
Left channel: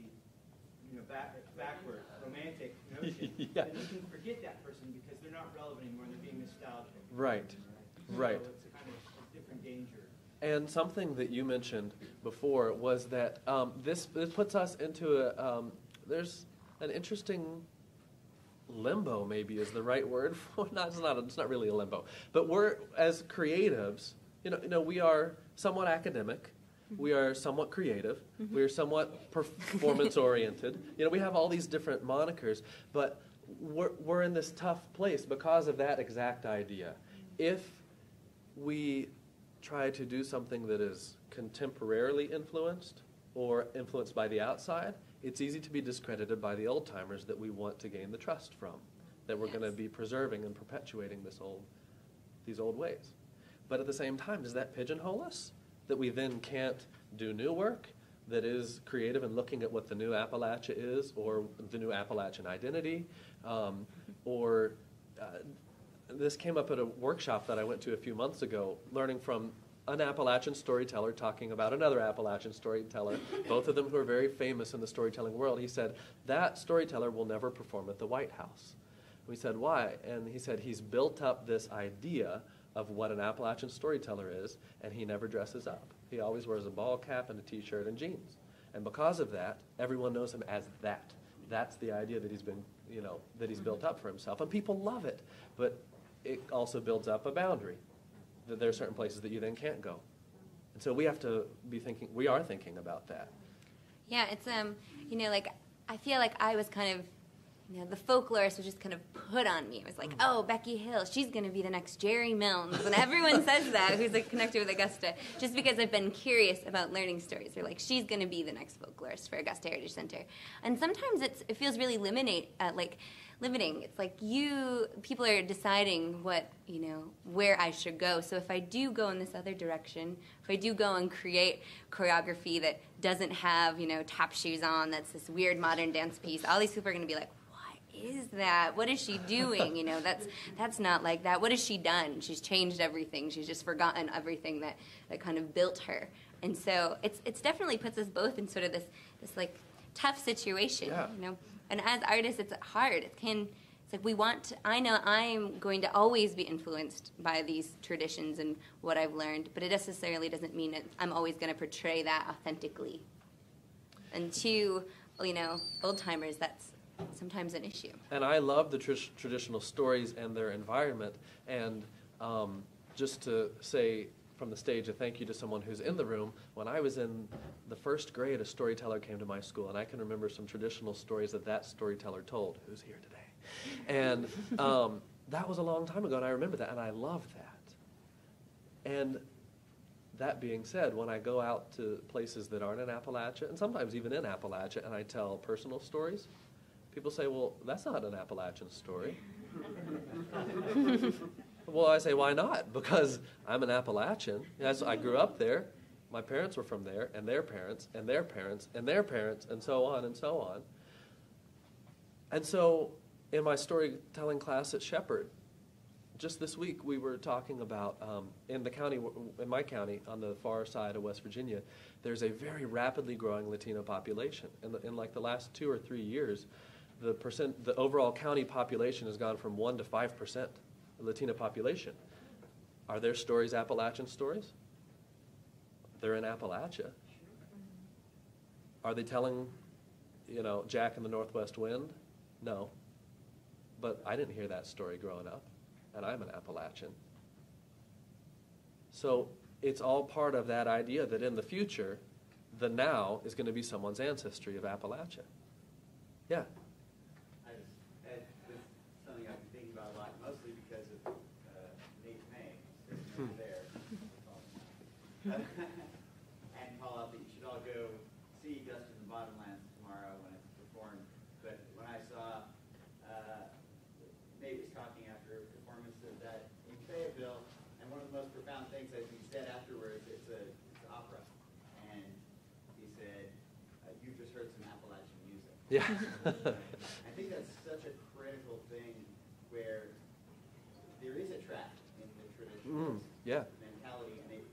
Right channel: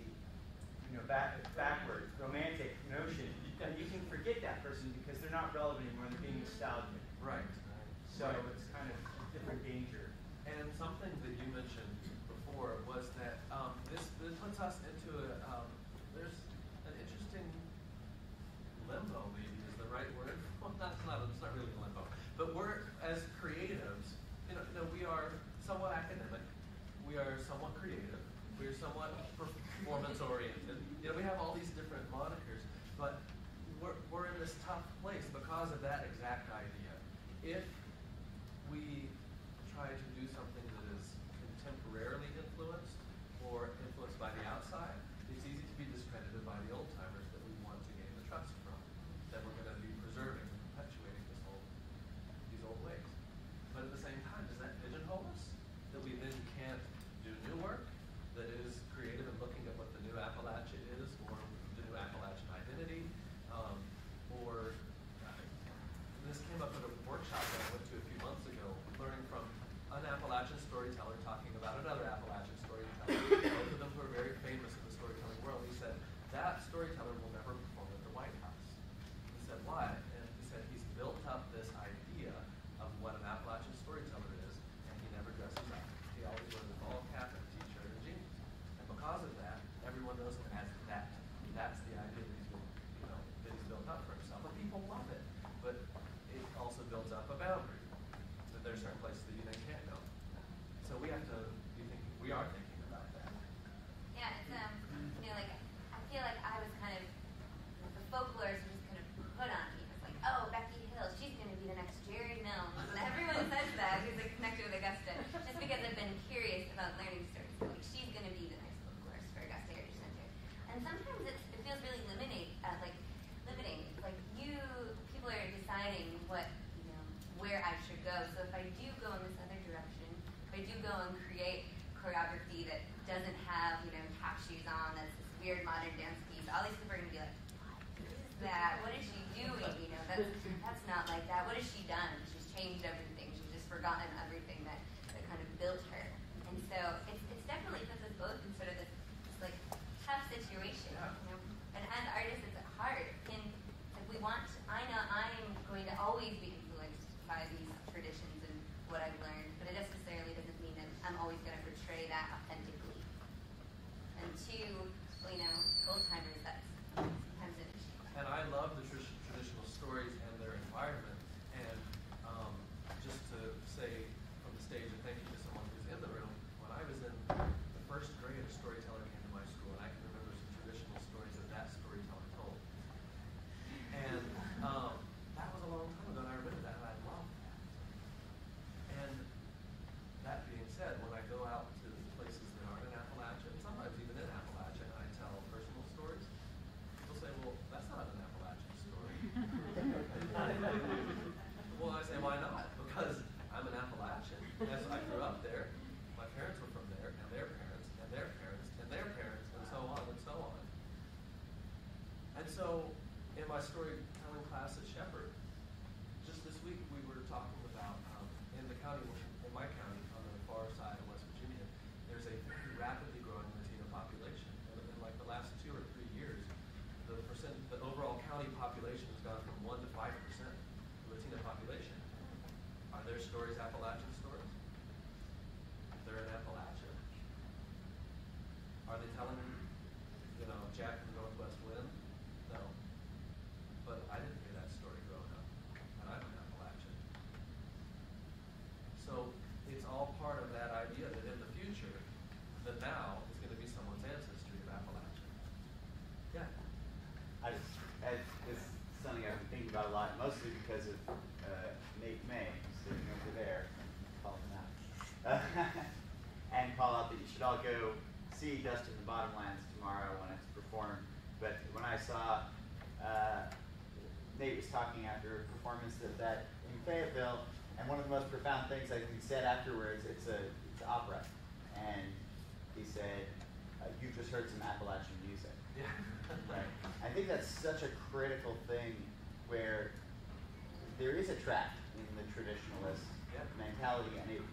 backward, romantic notion, then you can forget that person because they're not relevant anymore. They're being nostalgic. Right. So it's kind of a different danger. And something that you mentioned before was that this puts us into there's an interesting limbo, maybe is the right word. It's not really a limbo. But we're, as creatives, you know, we are somewhat academic, we are somewhat creative, we are somewhat performance-oriented. You know, we have all these different monikers, but we're in this tough place because of that exact idea. If we try to do something that is contemporarily influenced or influenced by the outside, it's easy to be discredited by the old-timers that we want to gain the trust from, that we're going to be preserving and perpetuating these old ways. But at the same time, does that pigeonhole us? That we then can't do new work that is creative and looking at what the new Appalachia is, or the new Appalachian identity, this came up at a workshop that I went to a few months ago, learning from an Appalachian storyteller talking about another Appalachian storyteller, both of them who are very famous in the storytelling world. He said, that storyteller will never perform at the White House. We said, why? And he said he's built up this idea of what an Appalachian storyteller is, and he never dresses up. He always wears a ball cap and a t-shirt and jeans. And because of that, everyone knows him as that. That's the idea that that he's built up for himself. And people love it. But it also builds up a boundary. That there are certain places that you then can't go. So we have to we are thinking about that. Yeah, it's, like, I feel like I was kind of, the folklorist was just kind of put on me. It was like, oh, Becky Hill, she's going to be the next Jerry Milnes. And everyone says that, who's connected with Augusta, just because I've been curious about learning stories. They're like, she's going to be the next folklorist for Augusta Heritage Center. And sometimes it feels really limiting. It's like people are deciding where I should go. So if I do go in this other direction, if I do go and create choreography that doesn't have, tap shoes on, that's this weird modern dance piece, all these people are going to be like, what is that? What is she doing? That's not like that. What has she done? She's changed everything. She's just forgotten everything that kind of built her. And so it's definitely puts us both in sort of this like tough situation, And as artists, it's hard. It's like I know I'm going to always be influenced by these traditions and what I've learned, but it necessarily doesn't mean that I'm always going to portray that authentically. And to, old-timers, that's sometimes an issue. And I love the traditional stories and their environment. And just to say, from the stage a thank you to someone who's in the room. When I was in the first grade, a storyteller came to my school, and I can remember some traditional stories that storyteller told, who's here today. And that was a long time ago, and I remember that, and I loved that. And that being said, when I go out to places that aren't in Appalachia, and sometimes even in Appalachia, and I tell personal stories, people say, well, that's not an Appalachian story. Well, I say, why not? Because I'm an Appalachian. As I grew up there, my parents were from there, and their parents, and their parents, and their parents, and so on and so on. And so in my storytelling class at Shepherd, just this week we were talking about, in my county, on the far side of West Virginia, there's a very rapidly growing Latino population. In like the last 2 or 3 years, the overall county population has gone from 1 to 5% Latino population. Are their stories Appalachian stories? They're in Appalachia. Are they telling, Jack and the Northwest Wind? No. But I didn't hear that story growing up, and I'm an Appalachian. So it's all part of that idea that in the future, the now is going to be someone's ancestry of Appalachia. Yeah. This is something I've been thinking about a lot, mostly because of Nate May, who's sitting over there, call him out, and call out that you should all go see Dust in the Bottomlands tomorrow when it's performed. But when I saw Nate was talking after a performance of that in Fayetteville, and one of the most profound things I think he said afterwards, it's opera, and he said, "You just heard some Appalachian music." Yeah. Right? I think that's such a critical thing where there is a track in the traditionalist mentality, and it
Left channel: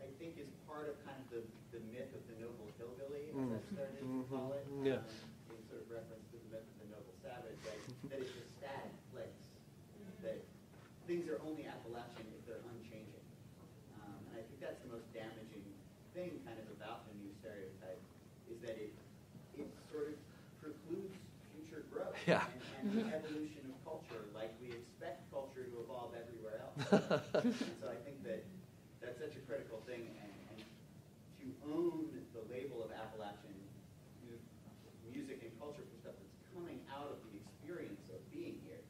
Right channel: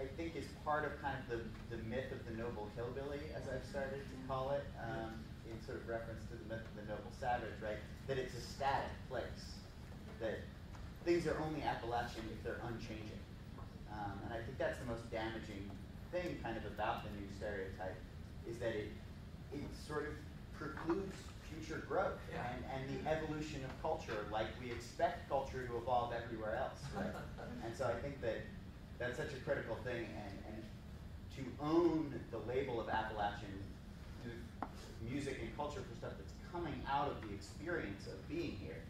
I think is part of kind of the myth of the noble hillbilly, as I've started to call it, in sort of reference to the myth of the noble savage, right? That it's a static place, that things are only Appalachian if they're unchanging. And I think that's the most damaging thing kind of about the new stereotype, is that it sort of precludes future growth and the evolution of culture, like we expect culture to evolve everywhere else. Right? And so I think that's such a critical thing, and to own the label of Appalachian music and culture for stuff that's coming out of the experience of being here.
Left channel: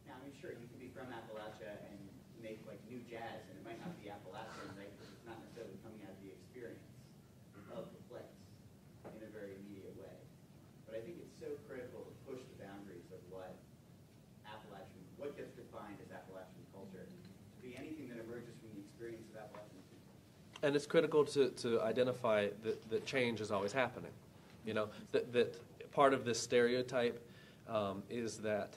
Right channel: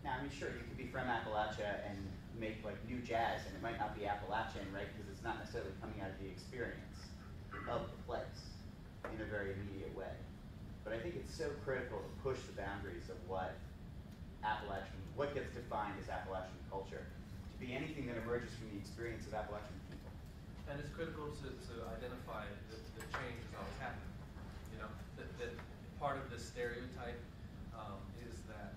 Now, I mean, sure, you can be from Appalachia and make like new jazz, and it might not be Appalachian, right? Because it's not necessarily coming out of the experience of the place in a very immediate way. But I think it's so critical to push the boundaries of what gets defined as Appalachian culture, to be anything that emerges from the experience of Appalachian people. And it's critical to identify that change is always happening. That part of this stereotype is that,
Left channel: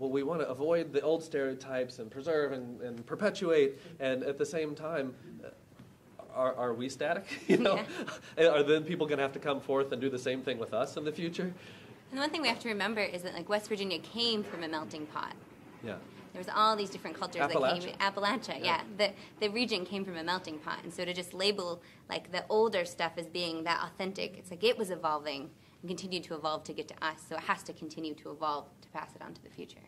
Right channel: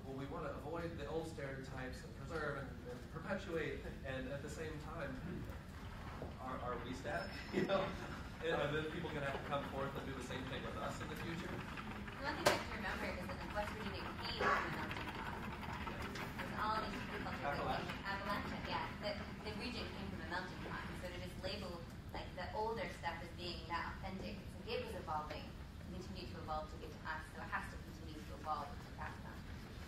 we want to avoid the old stereotypes and preserve and perpetuate, and at the same time, are we static? Are the people going to have to come forth and do the same thing with us in the future? And the one thing we have to remember is that West Virginia came from a melting pot. Yeah. There was all these different cultures that came. Appalachia, yeah. The region came from a melting pot, and so to just label the older stuff as being that authentic, it's it was evolving and continued to evolve to get to us, so it has to continue to evolve to pass it on to the future.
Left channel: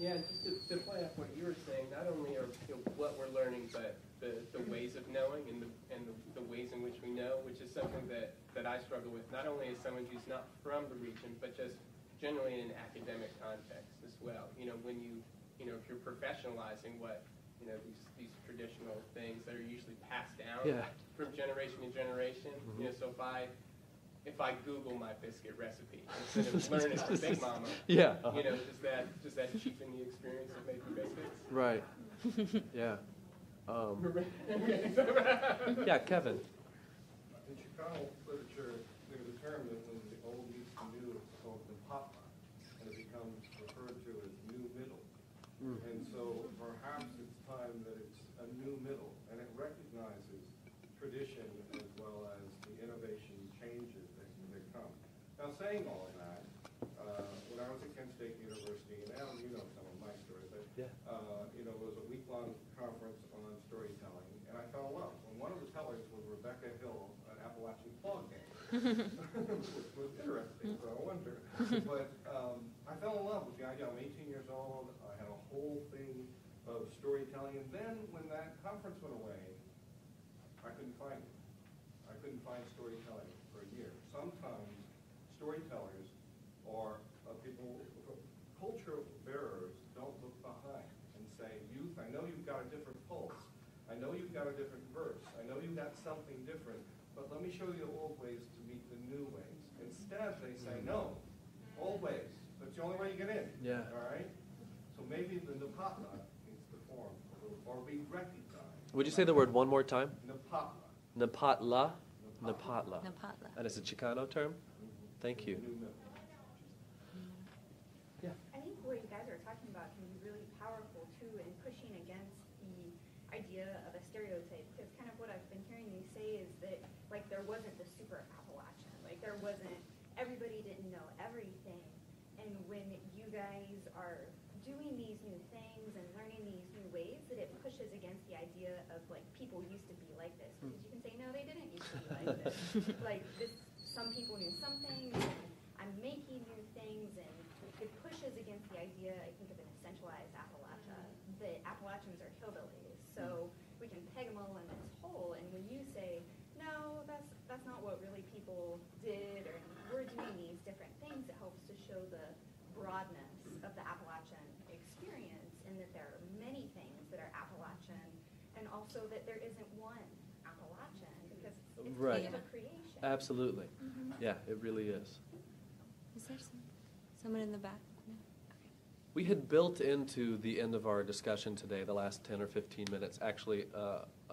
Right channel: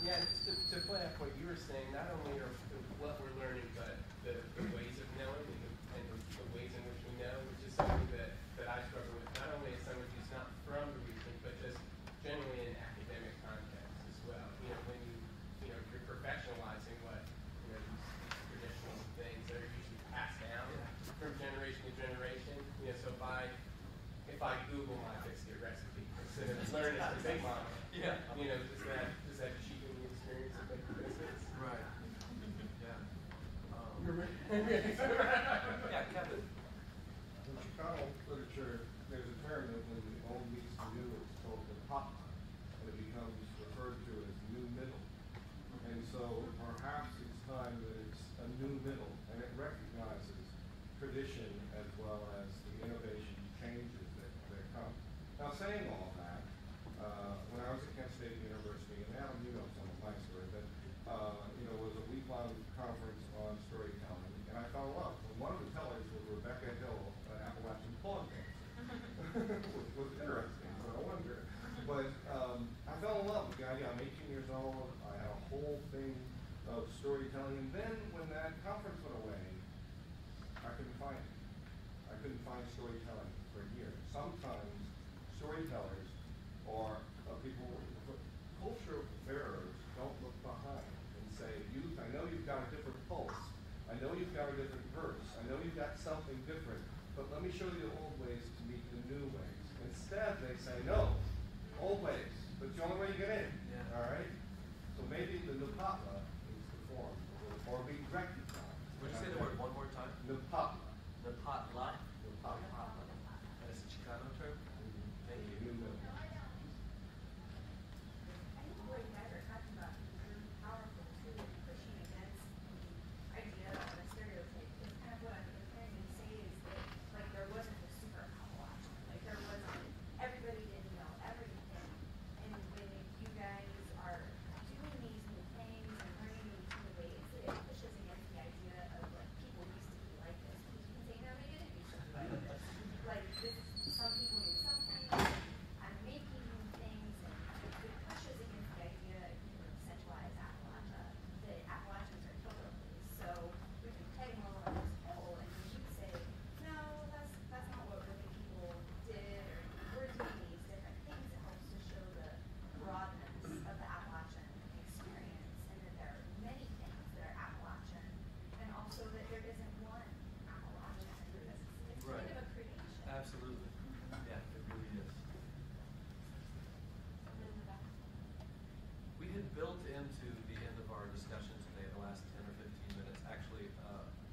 Yeah, just to play off what you were saying, not only are what we're learning, but the ways of knowing and the ways in which we know, which is something that I struggle with, not only as someone who's not from the region, but just generally in academic context as well. When if you're professionalizing what, these traditional things that are usually passed down from generation to generation. So if I Google my biscuit recipe instead of learning from Big Mama, does that cheapen the experience of making biscuits? Right. Yeah. Yeah, Kevin. In Chicago literature, there's a term that when the old meets the new, it's called the pop line, and it becomes referred to as new middle. And so perhaps it's time that it's a new middle, and it recognizes tradition as well as the innovation changes that come. Now, saying all that, when I was at Kent State University, and Alan, you know some of my story, but was a week-long conference on storytelling, and I fell in love. And one of the tellers was Rebecca Hill, an Appalachian clog dancer, which was interesting, so I wonder. But I fell in love with the idea. I'm 18 years old. I had a whole thing of storytelling. And then when that conference went away, I couldn't find it. I couldn't find storytelling for a year. Sometimes storytellers are people, culture bearers don't look behind and say, youth, I know you've got a different pulse. I know you've got a different verse. I know you've got something different. But let me show you the old ways to meet the new ways. Instead, they say, no, old ways. That's the only way you get in. Yeah. All right? So maybe the Nupatla needs to form or be recognized. Would you say the word one more time? Nupatla. Napatla. Napatla. Napatla. And it's a Chicano term? Thank you. I think what you guys are talking about is really powerful too in pushing against the idea of a stereotype. Because kind of what I've been hearing you say is that like there wasn't the super Appalachian, like there wasn't, everybody didn't know everything. And when you guys are doing these new things and learning these new ways, that it pushes against the idea of like people used to be like this. You can say no, they didn't used to be like this. Like this, some people knew something. I'm making new things, and it pushes against the idea, I think, of a centralized Appalachia. The Appalachians are hillbillies, so we can peg them all on this pole. And when you say, no, that's not what really people did, or we're doing these different things, it helps to show the broadness of the Appalachian experience, and that there are many things that are Appalachian, and also that there isn't one Appalachian, because it's Right. a creation. Absolutely. Yeah, it really is. Is there someone in the back? We had built into the end of our discussion today, the last 10 or 15 minutes, actually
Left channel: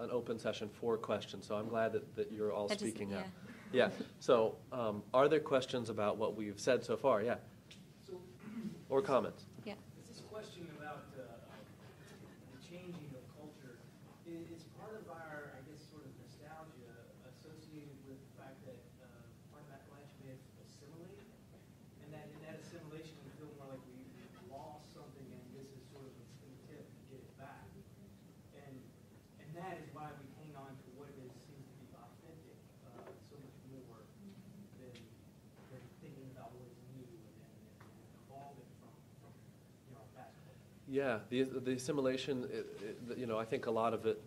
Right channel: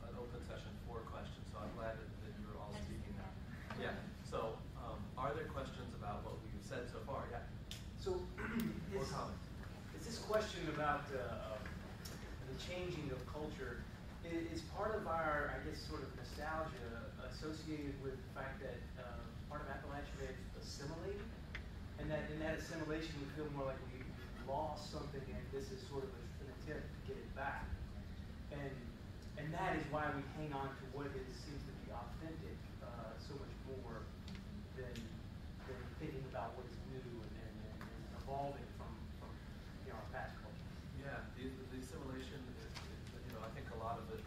an open session for questions. So I'm glad that you're all That just- speaking yeah. up. Yeah. So are there questions about what we've said so far? Yeah. So, Or comments? Yeah. is this question about the changing of culture, is part of our, I guess, sort of nostalgia associated with the fact that part of Appalachia may have assimilated, and that in that assimilation we feel more like we lost something, and this is sort of an attempt to get it back, and that is why we hang on to what seems to be authentic so much more than thinking about what's new and evolving from our past culture. Yeah, the assimilation, I think a lot of it,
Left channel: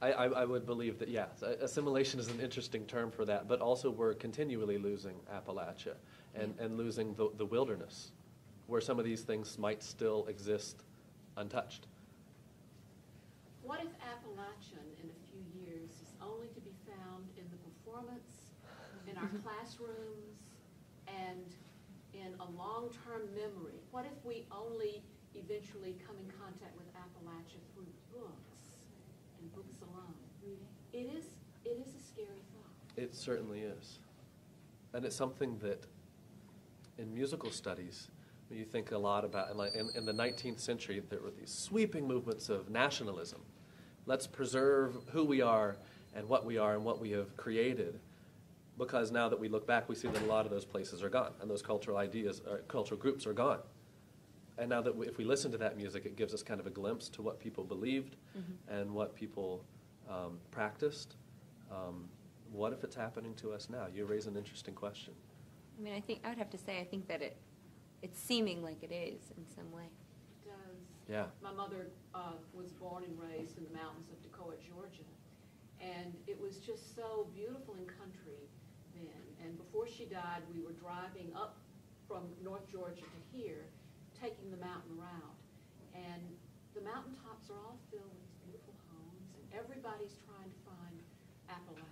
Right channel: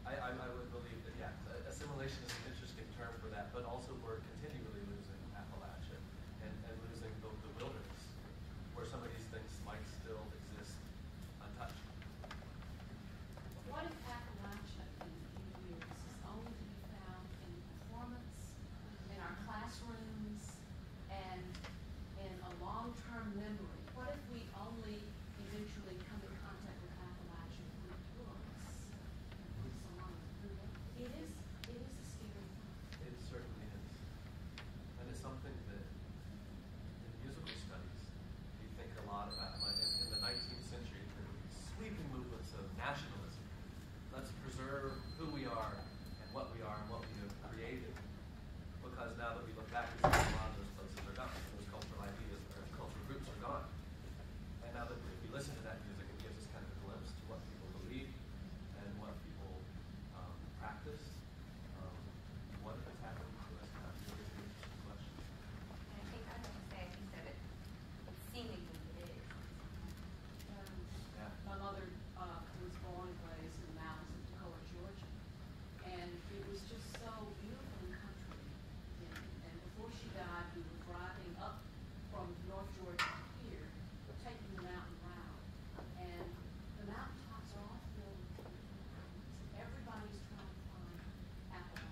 I would believe that, yeah, assimilation is an interesting term for that, but also we're continually losing Appalachia and losing the wilderness, where some of these things might still exist untouched. What if Appalachian in a few years is only to be found in the performance, in our classrooms, and in a long-term memory? What if we only eventually come in contact with Appalachian through books and books alone? It is a scary thought. It certainly is. And it's something that in musical studies, you think a lot about, like in the 19th century, there were these sweeping movements of nationalism. Let's preserve who we are and what we have created, because now that we look back, we see that a lot of those places are gone, and those cultural ideas, or cultural groups are gone. And now that if we listen to that music, it gives us kind of a glimpse to what people believed and what people practiced. What if it's happening to us now? You raise an interesting question. I mean, I would have to say, I think that it's seeming like it is in some way. Yeah. My mother was born and raised in the mountains of Toccoa, Georgia, and it was just so beautiful and country then. And before she died, we were driving up from North Georgia to here, taking the mountain route, and the mountaintops are all filled with beautiful pines, and everybody's trying to find Appalachia.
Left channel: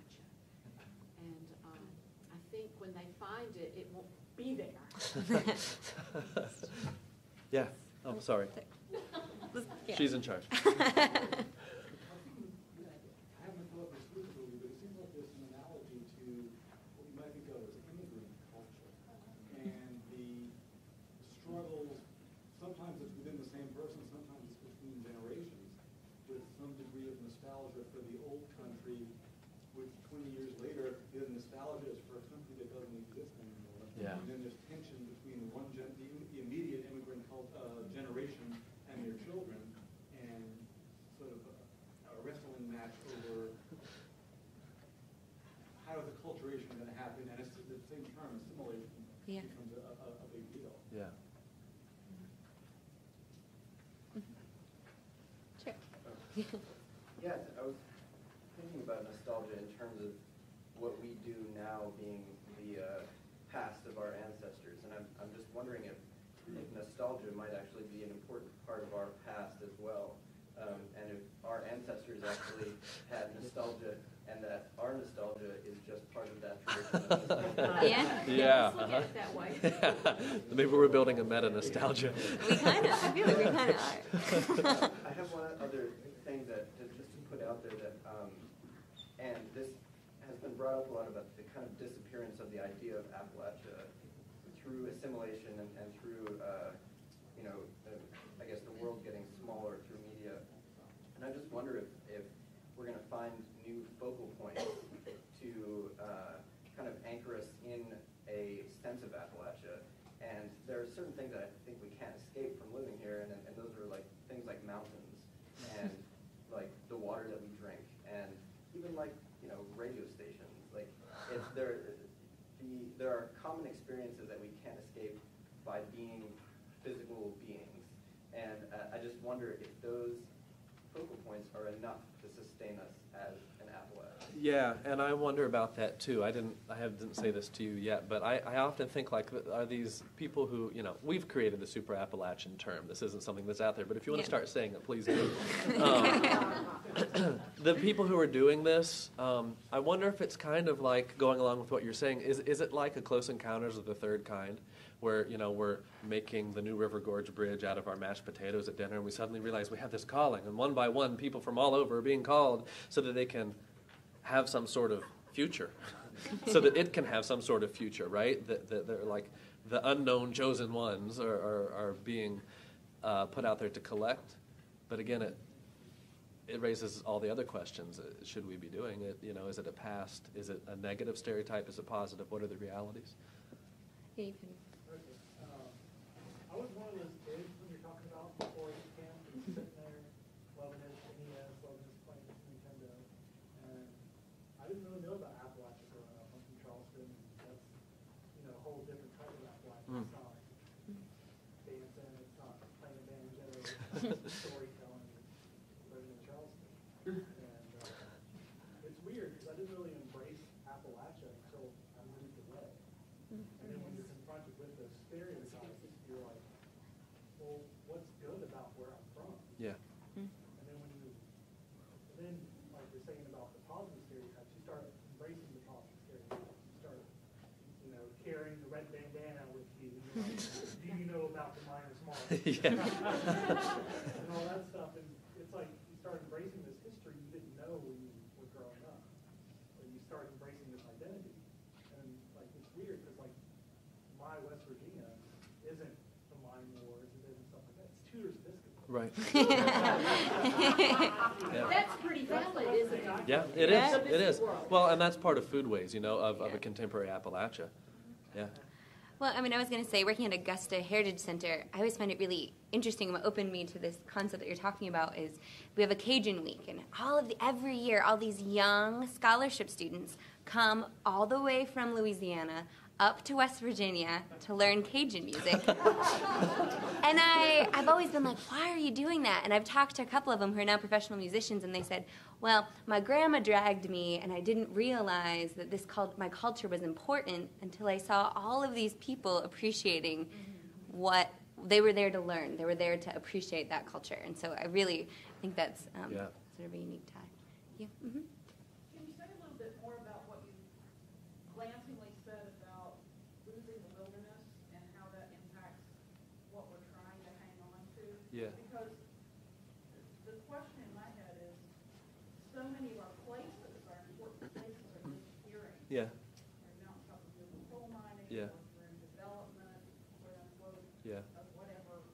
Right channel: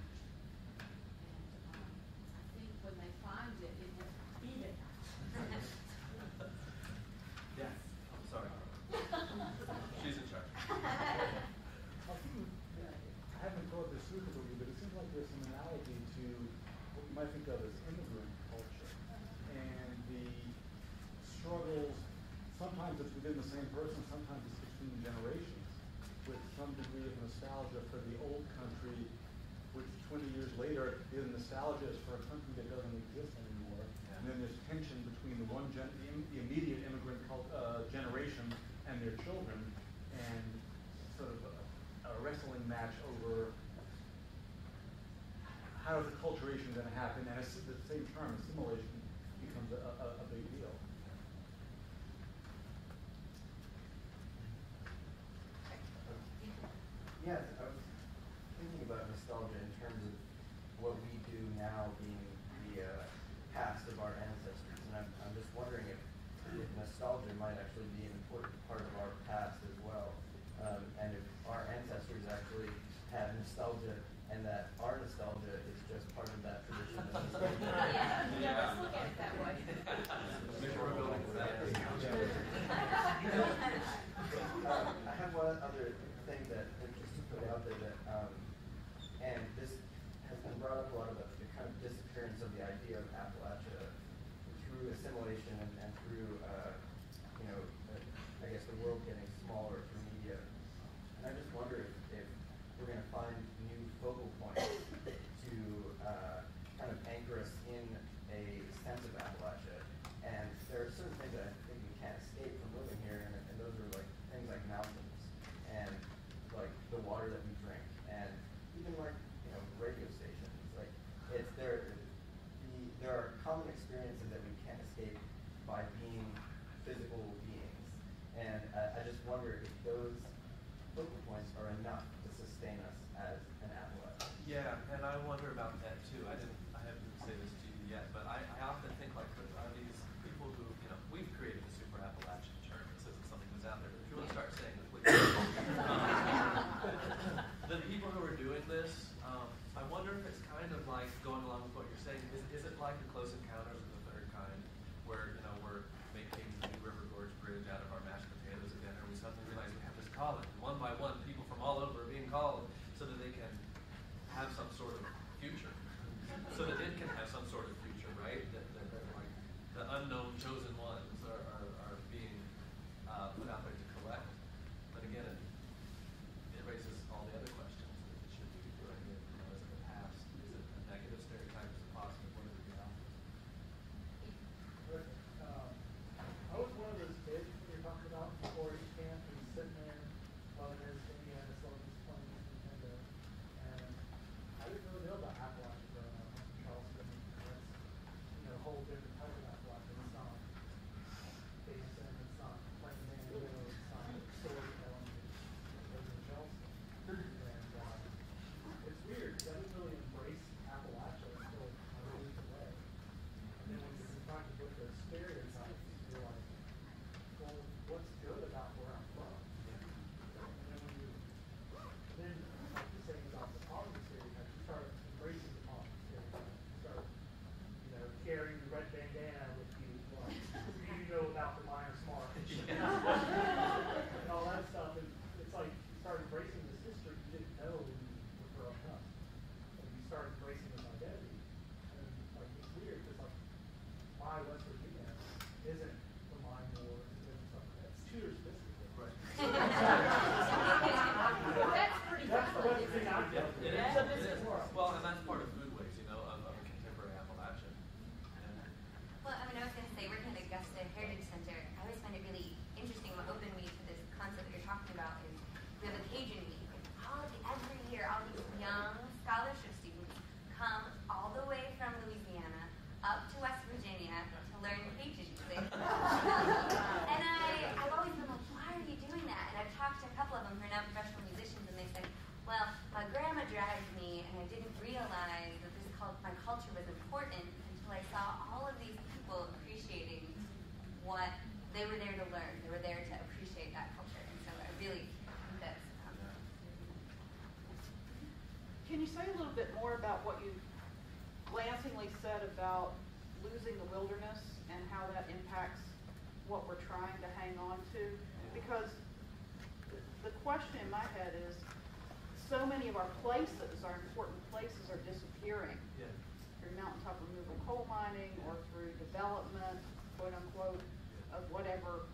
And I think when they find it, it will be there. Yeah. Oh, sorry. Yeah. She's in charge. I haven't thought this through for you, but it seems like there's some analogy to what you might think of as immigrant culture. And the struggles, sometimes it's within the same person, sometimes it's between generations, with some degree of nostalgia for the old country, which 20 years later, the nostalgia is for a country that doesn't exist anymore. Yeah. And then there's tension between the immediate immigrant generation and their children, and sort of a wrestling match over how is acculturation going to happen, and it's the same term, assimilation, becomes a big deal. Yeah. Yes, I was thinking about nostalgia in terms of what we do now being the past of our ancestors, and I'm just wondering if nostalgia might actually be an important part of our past as well, and if our ancestors actually had nostalgia, and that our nostalgia is just part of that tradition. Yeah. Maybe we're building a meta nostalgia. We kind of. I feel like we kind of are. I have one other thing that just to put out there that, and this has been brought up a lot about the kind of disappearance of the idea of Appalachia through assimilation and through, I guess the world getting smaller through media. And I just wonder if we're going to find new focal points to kind of anchor us in a sense of Appalachia. And there are certain things that I think we can't escape from living here, and those are like things like mountains and like the water that we drink, and even like radio stations. Like there are common experiences that we can't escape by being physical beings, and I just wonder if those focal points are enough to sustain us as an Appalachia. Yeah, and I wonder about that too. I didn't say this to you yet, but I often think like, are these people who, we've created the super Appalachian term. This isn't something that's out there, but if you want to start saying it, please do. The people who are doing this, I wonder if it's kind of like going along with what you're saying. Is it like a Close Encounters of the Third Kind, where we're making the new River Gorge Bridge out of our mashed potatoes at dinner, and we suddenly realize we have this calling, and one by one people from all over are being called so that they can have some sort of future, so that it can have some sort of future, right? That they're like the unknown chosen ones are being put out there to collect. But again, it raises all the other questions. Should we be doing it? Is it a past? Is it a negative stereotype? Is it positive? What are the realities? I was one of those kids when you're talking about before you camp and sitting there loving Virginia, slogans playing Nintendo. And I didn't really know about Appalachia growing up. I'm from Charleston. That's a whole different type of Appalachia. It's not Davidson, it's not playing mandolin, it's not storytelling. It's in Charleston. And it's weird because I didn't really embrace Appalachia until I moved away. And then when you're confronted with the stereotypes, you're like, well, what's good about where I'm from? Yeah. And then like the saying about the positive stereotypes, you start embracing the positive stereotypes. You start, carrying the red bandana with you. Do you know about the minor smart? Yeah. And all that stuff. And it's like you start embracing this history you didn't know when you were growing up. And you start embracing this identity. And like it's weird because like why West Virginia isn't the mine wars, isn't something that's Tudor's biscuit. Right. That's pretty valid, isn't it? Yeah, it is. It is. Well, and that's part of foodways, of a contemporary Appalachia. Yeah. Well, I was going to say, working at Augusta Heritage Center, I always find it really interesting. What opened me to this concept that you're talking about is we have a Cajun week, and every year, all these young scholarship students come all the way from Louisiana up to West Virginia to learn Cajun music. And I've always been like, why are you doing that? And I've talked to a couple of them who are now professional musicians, and they said, well, my grandma dragged me, and I didn't realize that my culture was important until I saw all of these people appreciating what they were there to learn. They were there to appreciate that culture. And so I really think that's sort of a unique time. Yeah. Mm-hmm. Can you say a little bit more about what you glancingly said about losing the wilderness and how that impacts what we're trying to hang on to? Yeah. Because the question in my head is, so many of our places, our important places, are disappearing. Yeah. Through mountaintop removal coal mining, or through development, quote unquote, of whatever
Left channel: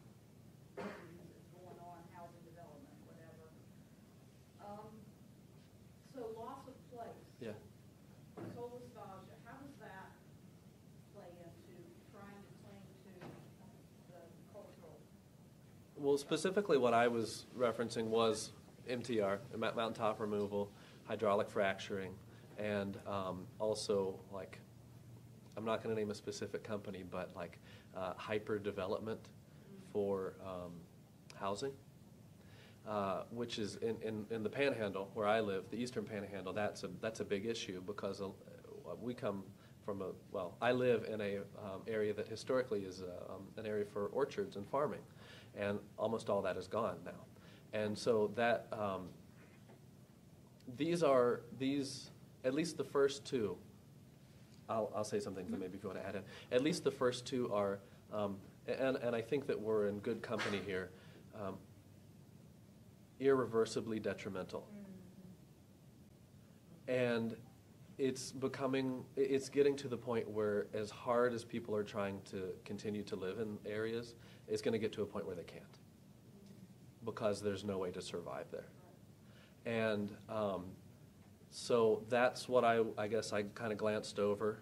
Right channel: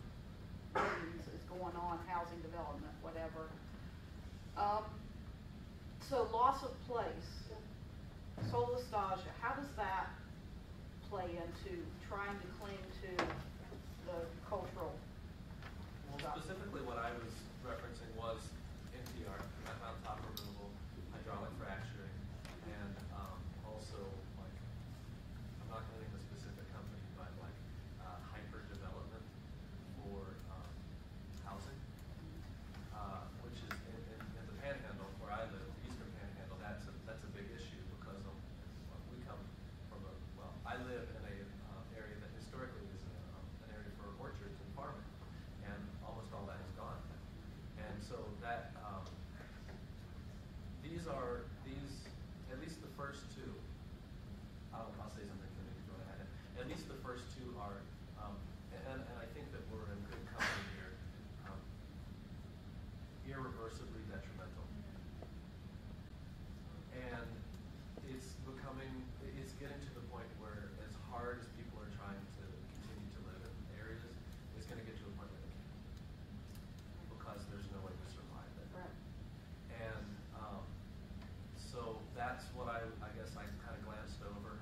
means is going on, housing development, whatever. So loss of place, soul nostalgia, how does that play into trying to cling to the cultural? Well, specifically what I was referencing was MTR, mountaintop removal, hydraulic fracturing, and also I'm not going to name a specific company, but hyper development for housing. which is in the Panhandle where I live, the Eastern Panhandle. That's a big issue because we come from I live in a area that historically is an area for orchards and farming, and almost all that is gone now. And so that these at least the first two. I'll say something, but maybe if you want to add in. At least the first two are, and I think that we're in good company here, irreversibly detrimental. And it's getting to the point where as hard as people are trying to continue to live in areas, it's going to get to a point where they can't, because there's no way to survive there. And so that's what I guess I kind of glanced over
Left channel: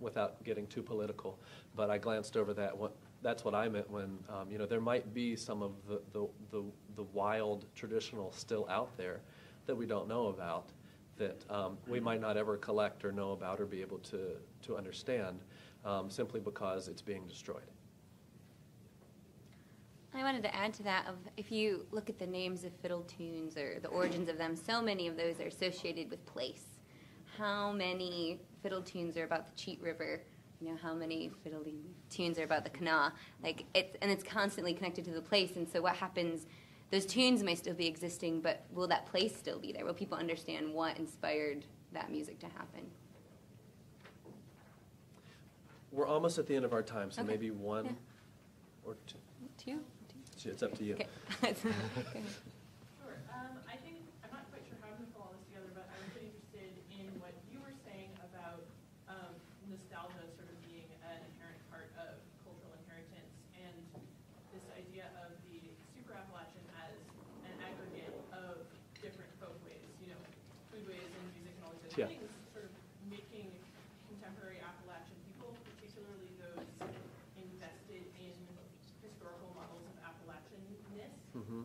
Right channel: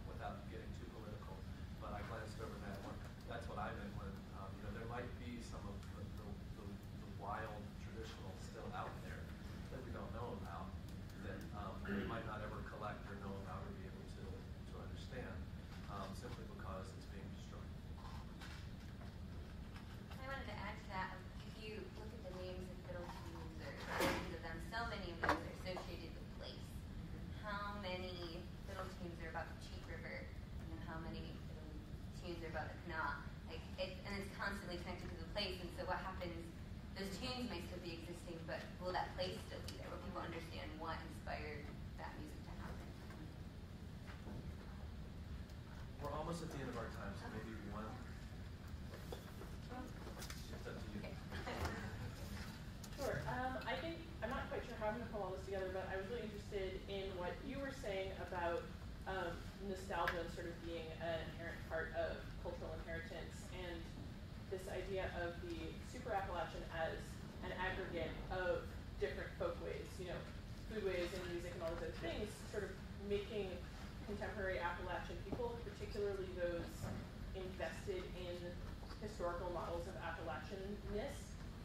without getting too political, but I glanced over that. That's what I meant when there might be some of the wild traditional still out there that we don't know about, that we might not ever collect or know about or be able to understand, simply because it's being destroyed. I wanted to add to that, if you look at the names of fiddle tunes or the origins of them, so many of those are associated with place. How many fiddle tunes are about the Cheat River? How many fiddle tunes are about the Kanawha? And it's constantly connected to the place. And so what happens? Those tunes may still be existing, but will that place still be there? Will people understand what inspired that music to happen? We're almost at the end of our time, so maybe one or two. It's up to you. Okay. Sure. I think, I'm not quite sure how I'm going to pull all this together, but I was really interested in what you were saying about nostalgia sort of being an inherent part of cultural inheritance, and this idea of the Super Appalachian as an aggregate of different folkways, foodways and music and all those other things, sort of making contemporary Appalachian people, particularly those invested in historical models of Appalachianness,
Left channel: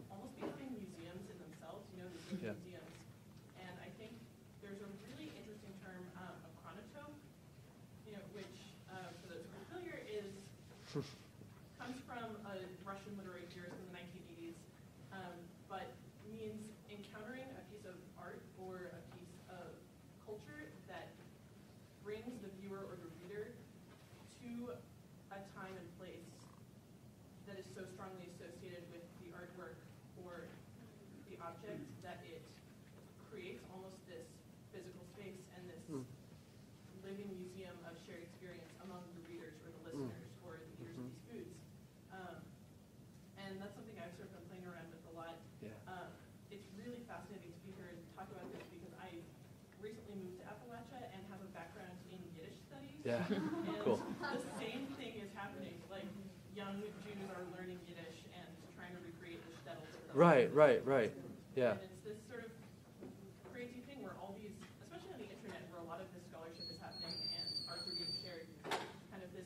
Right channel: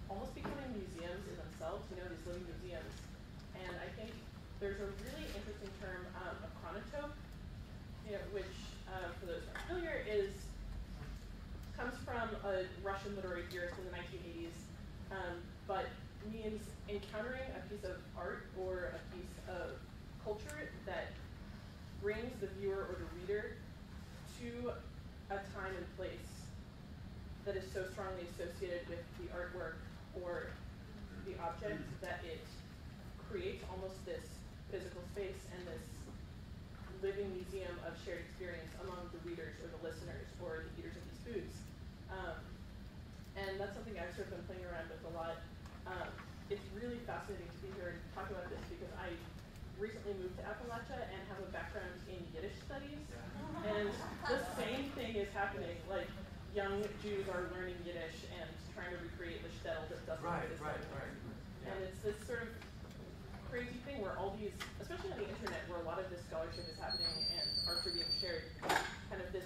almost becoming museums in themselves, these little museums. And I think there's a really interesting term, a chronotope, which, for those who aren't familiar, comes from a Russian literary theorist in the 1980s, but means encountering a piece of art or a piece of culture that brings the viewer or the reader to a time and place that is so strongly associated with the artwork or the object that it creates almost this physical space and this living museum of shared experience among the readers or the listeners or the eaters of these foods. And that's something I've sort of been playing around with a lot. It's really fascinating to be here and talk about this because I recently moved to Appalachia and have a background in Yiddish studies. Yeah. And the same thing is happening. Young Jews are learning Yiddish and trying to recreate the shtetl that doesn't exist. Right. Yeah. And it's this sort of crazy thing where all these, especially on the internet, where a lot of this scholarship is happening and arts are being shared, kind of this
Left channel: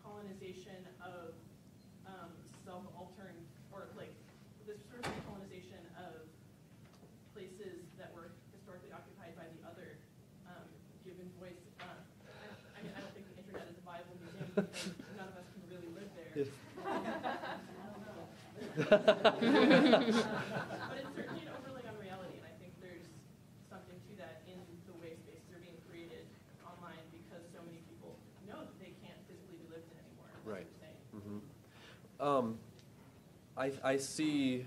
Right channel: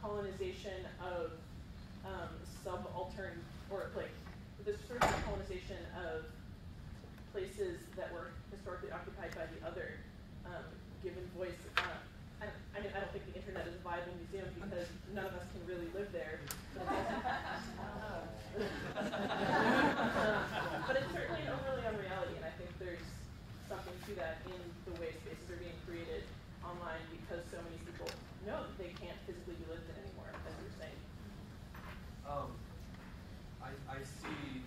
colonization of subaltern, or this sort of colonization of places that were historically occupied by the other, given voice. I don't think the internet is a viable museum because none of us can really live there. But it's certainly an overlay on reality, and I think there's something to that in the way spaces are being created online because so many people know that they can't physically be lived in anymore, as you're saying. I see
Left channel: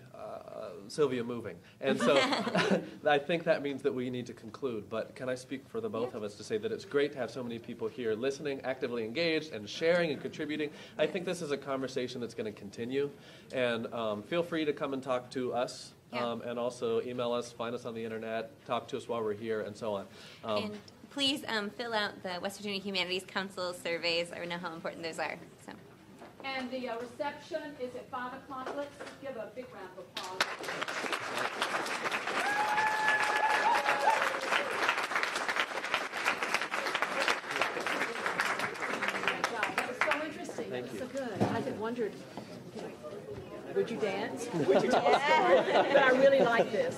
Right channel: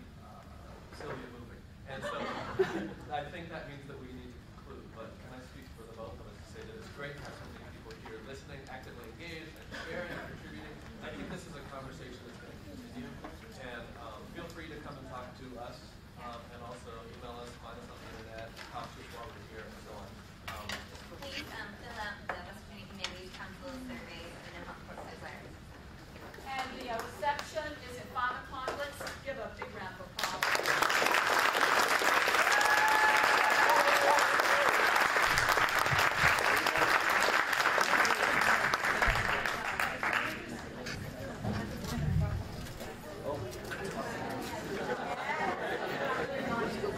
Sylvia moving, and so I think that means that we need to conclude, but can I speak for the both of us to say that it's great to have so many people here listening, actively engaged, and sharing and contributing. I think this is a conversation that's going to continue, and feel free to come and talk to us, and also email us, find us on the internet, talk to us while we're here, and so on. And please fill out the West Virginia Humanities Council surveys. I know how important those are. So. And the reception is at 5 o'clock. Let's give a big round of applause. Would you dance? Would you dance? I really like this.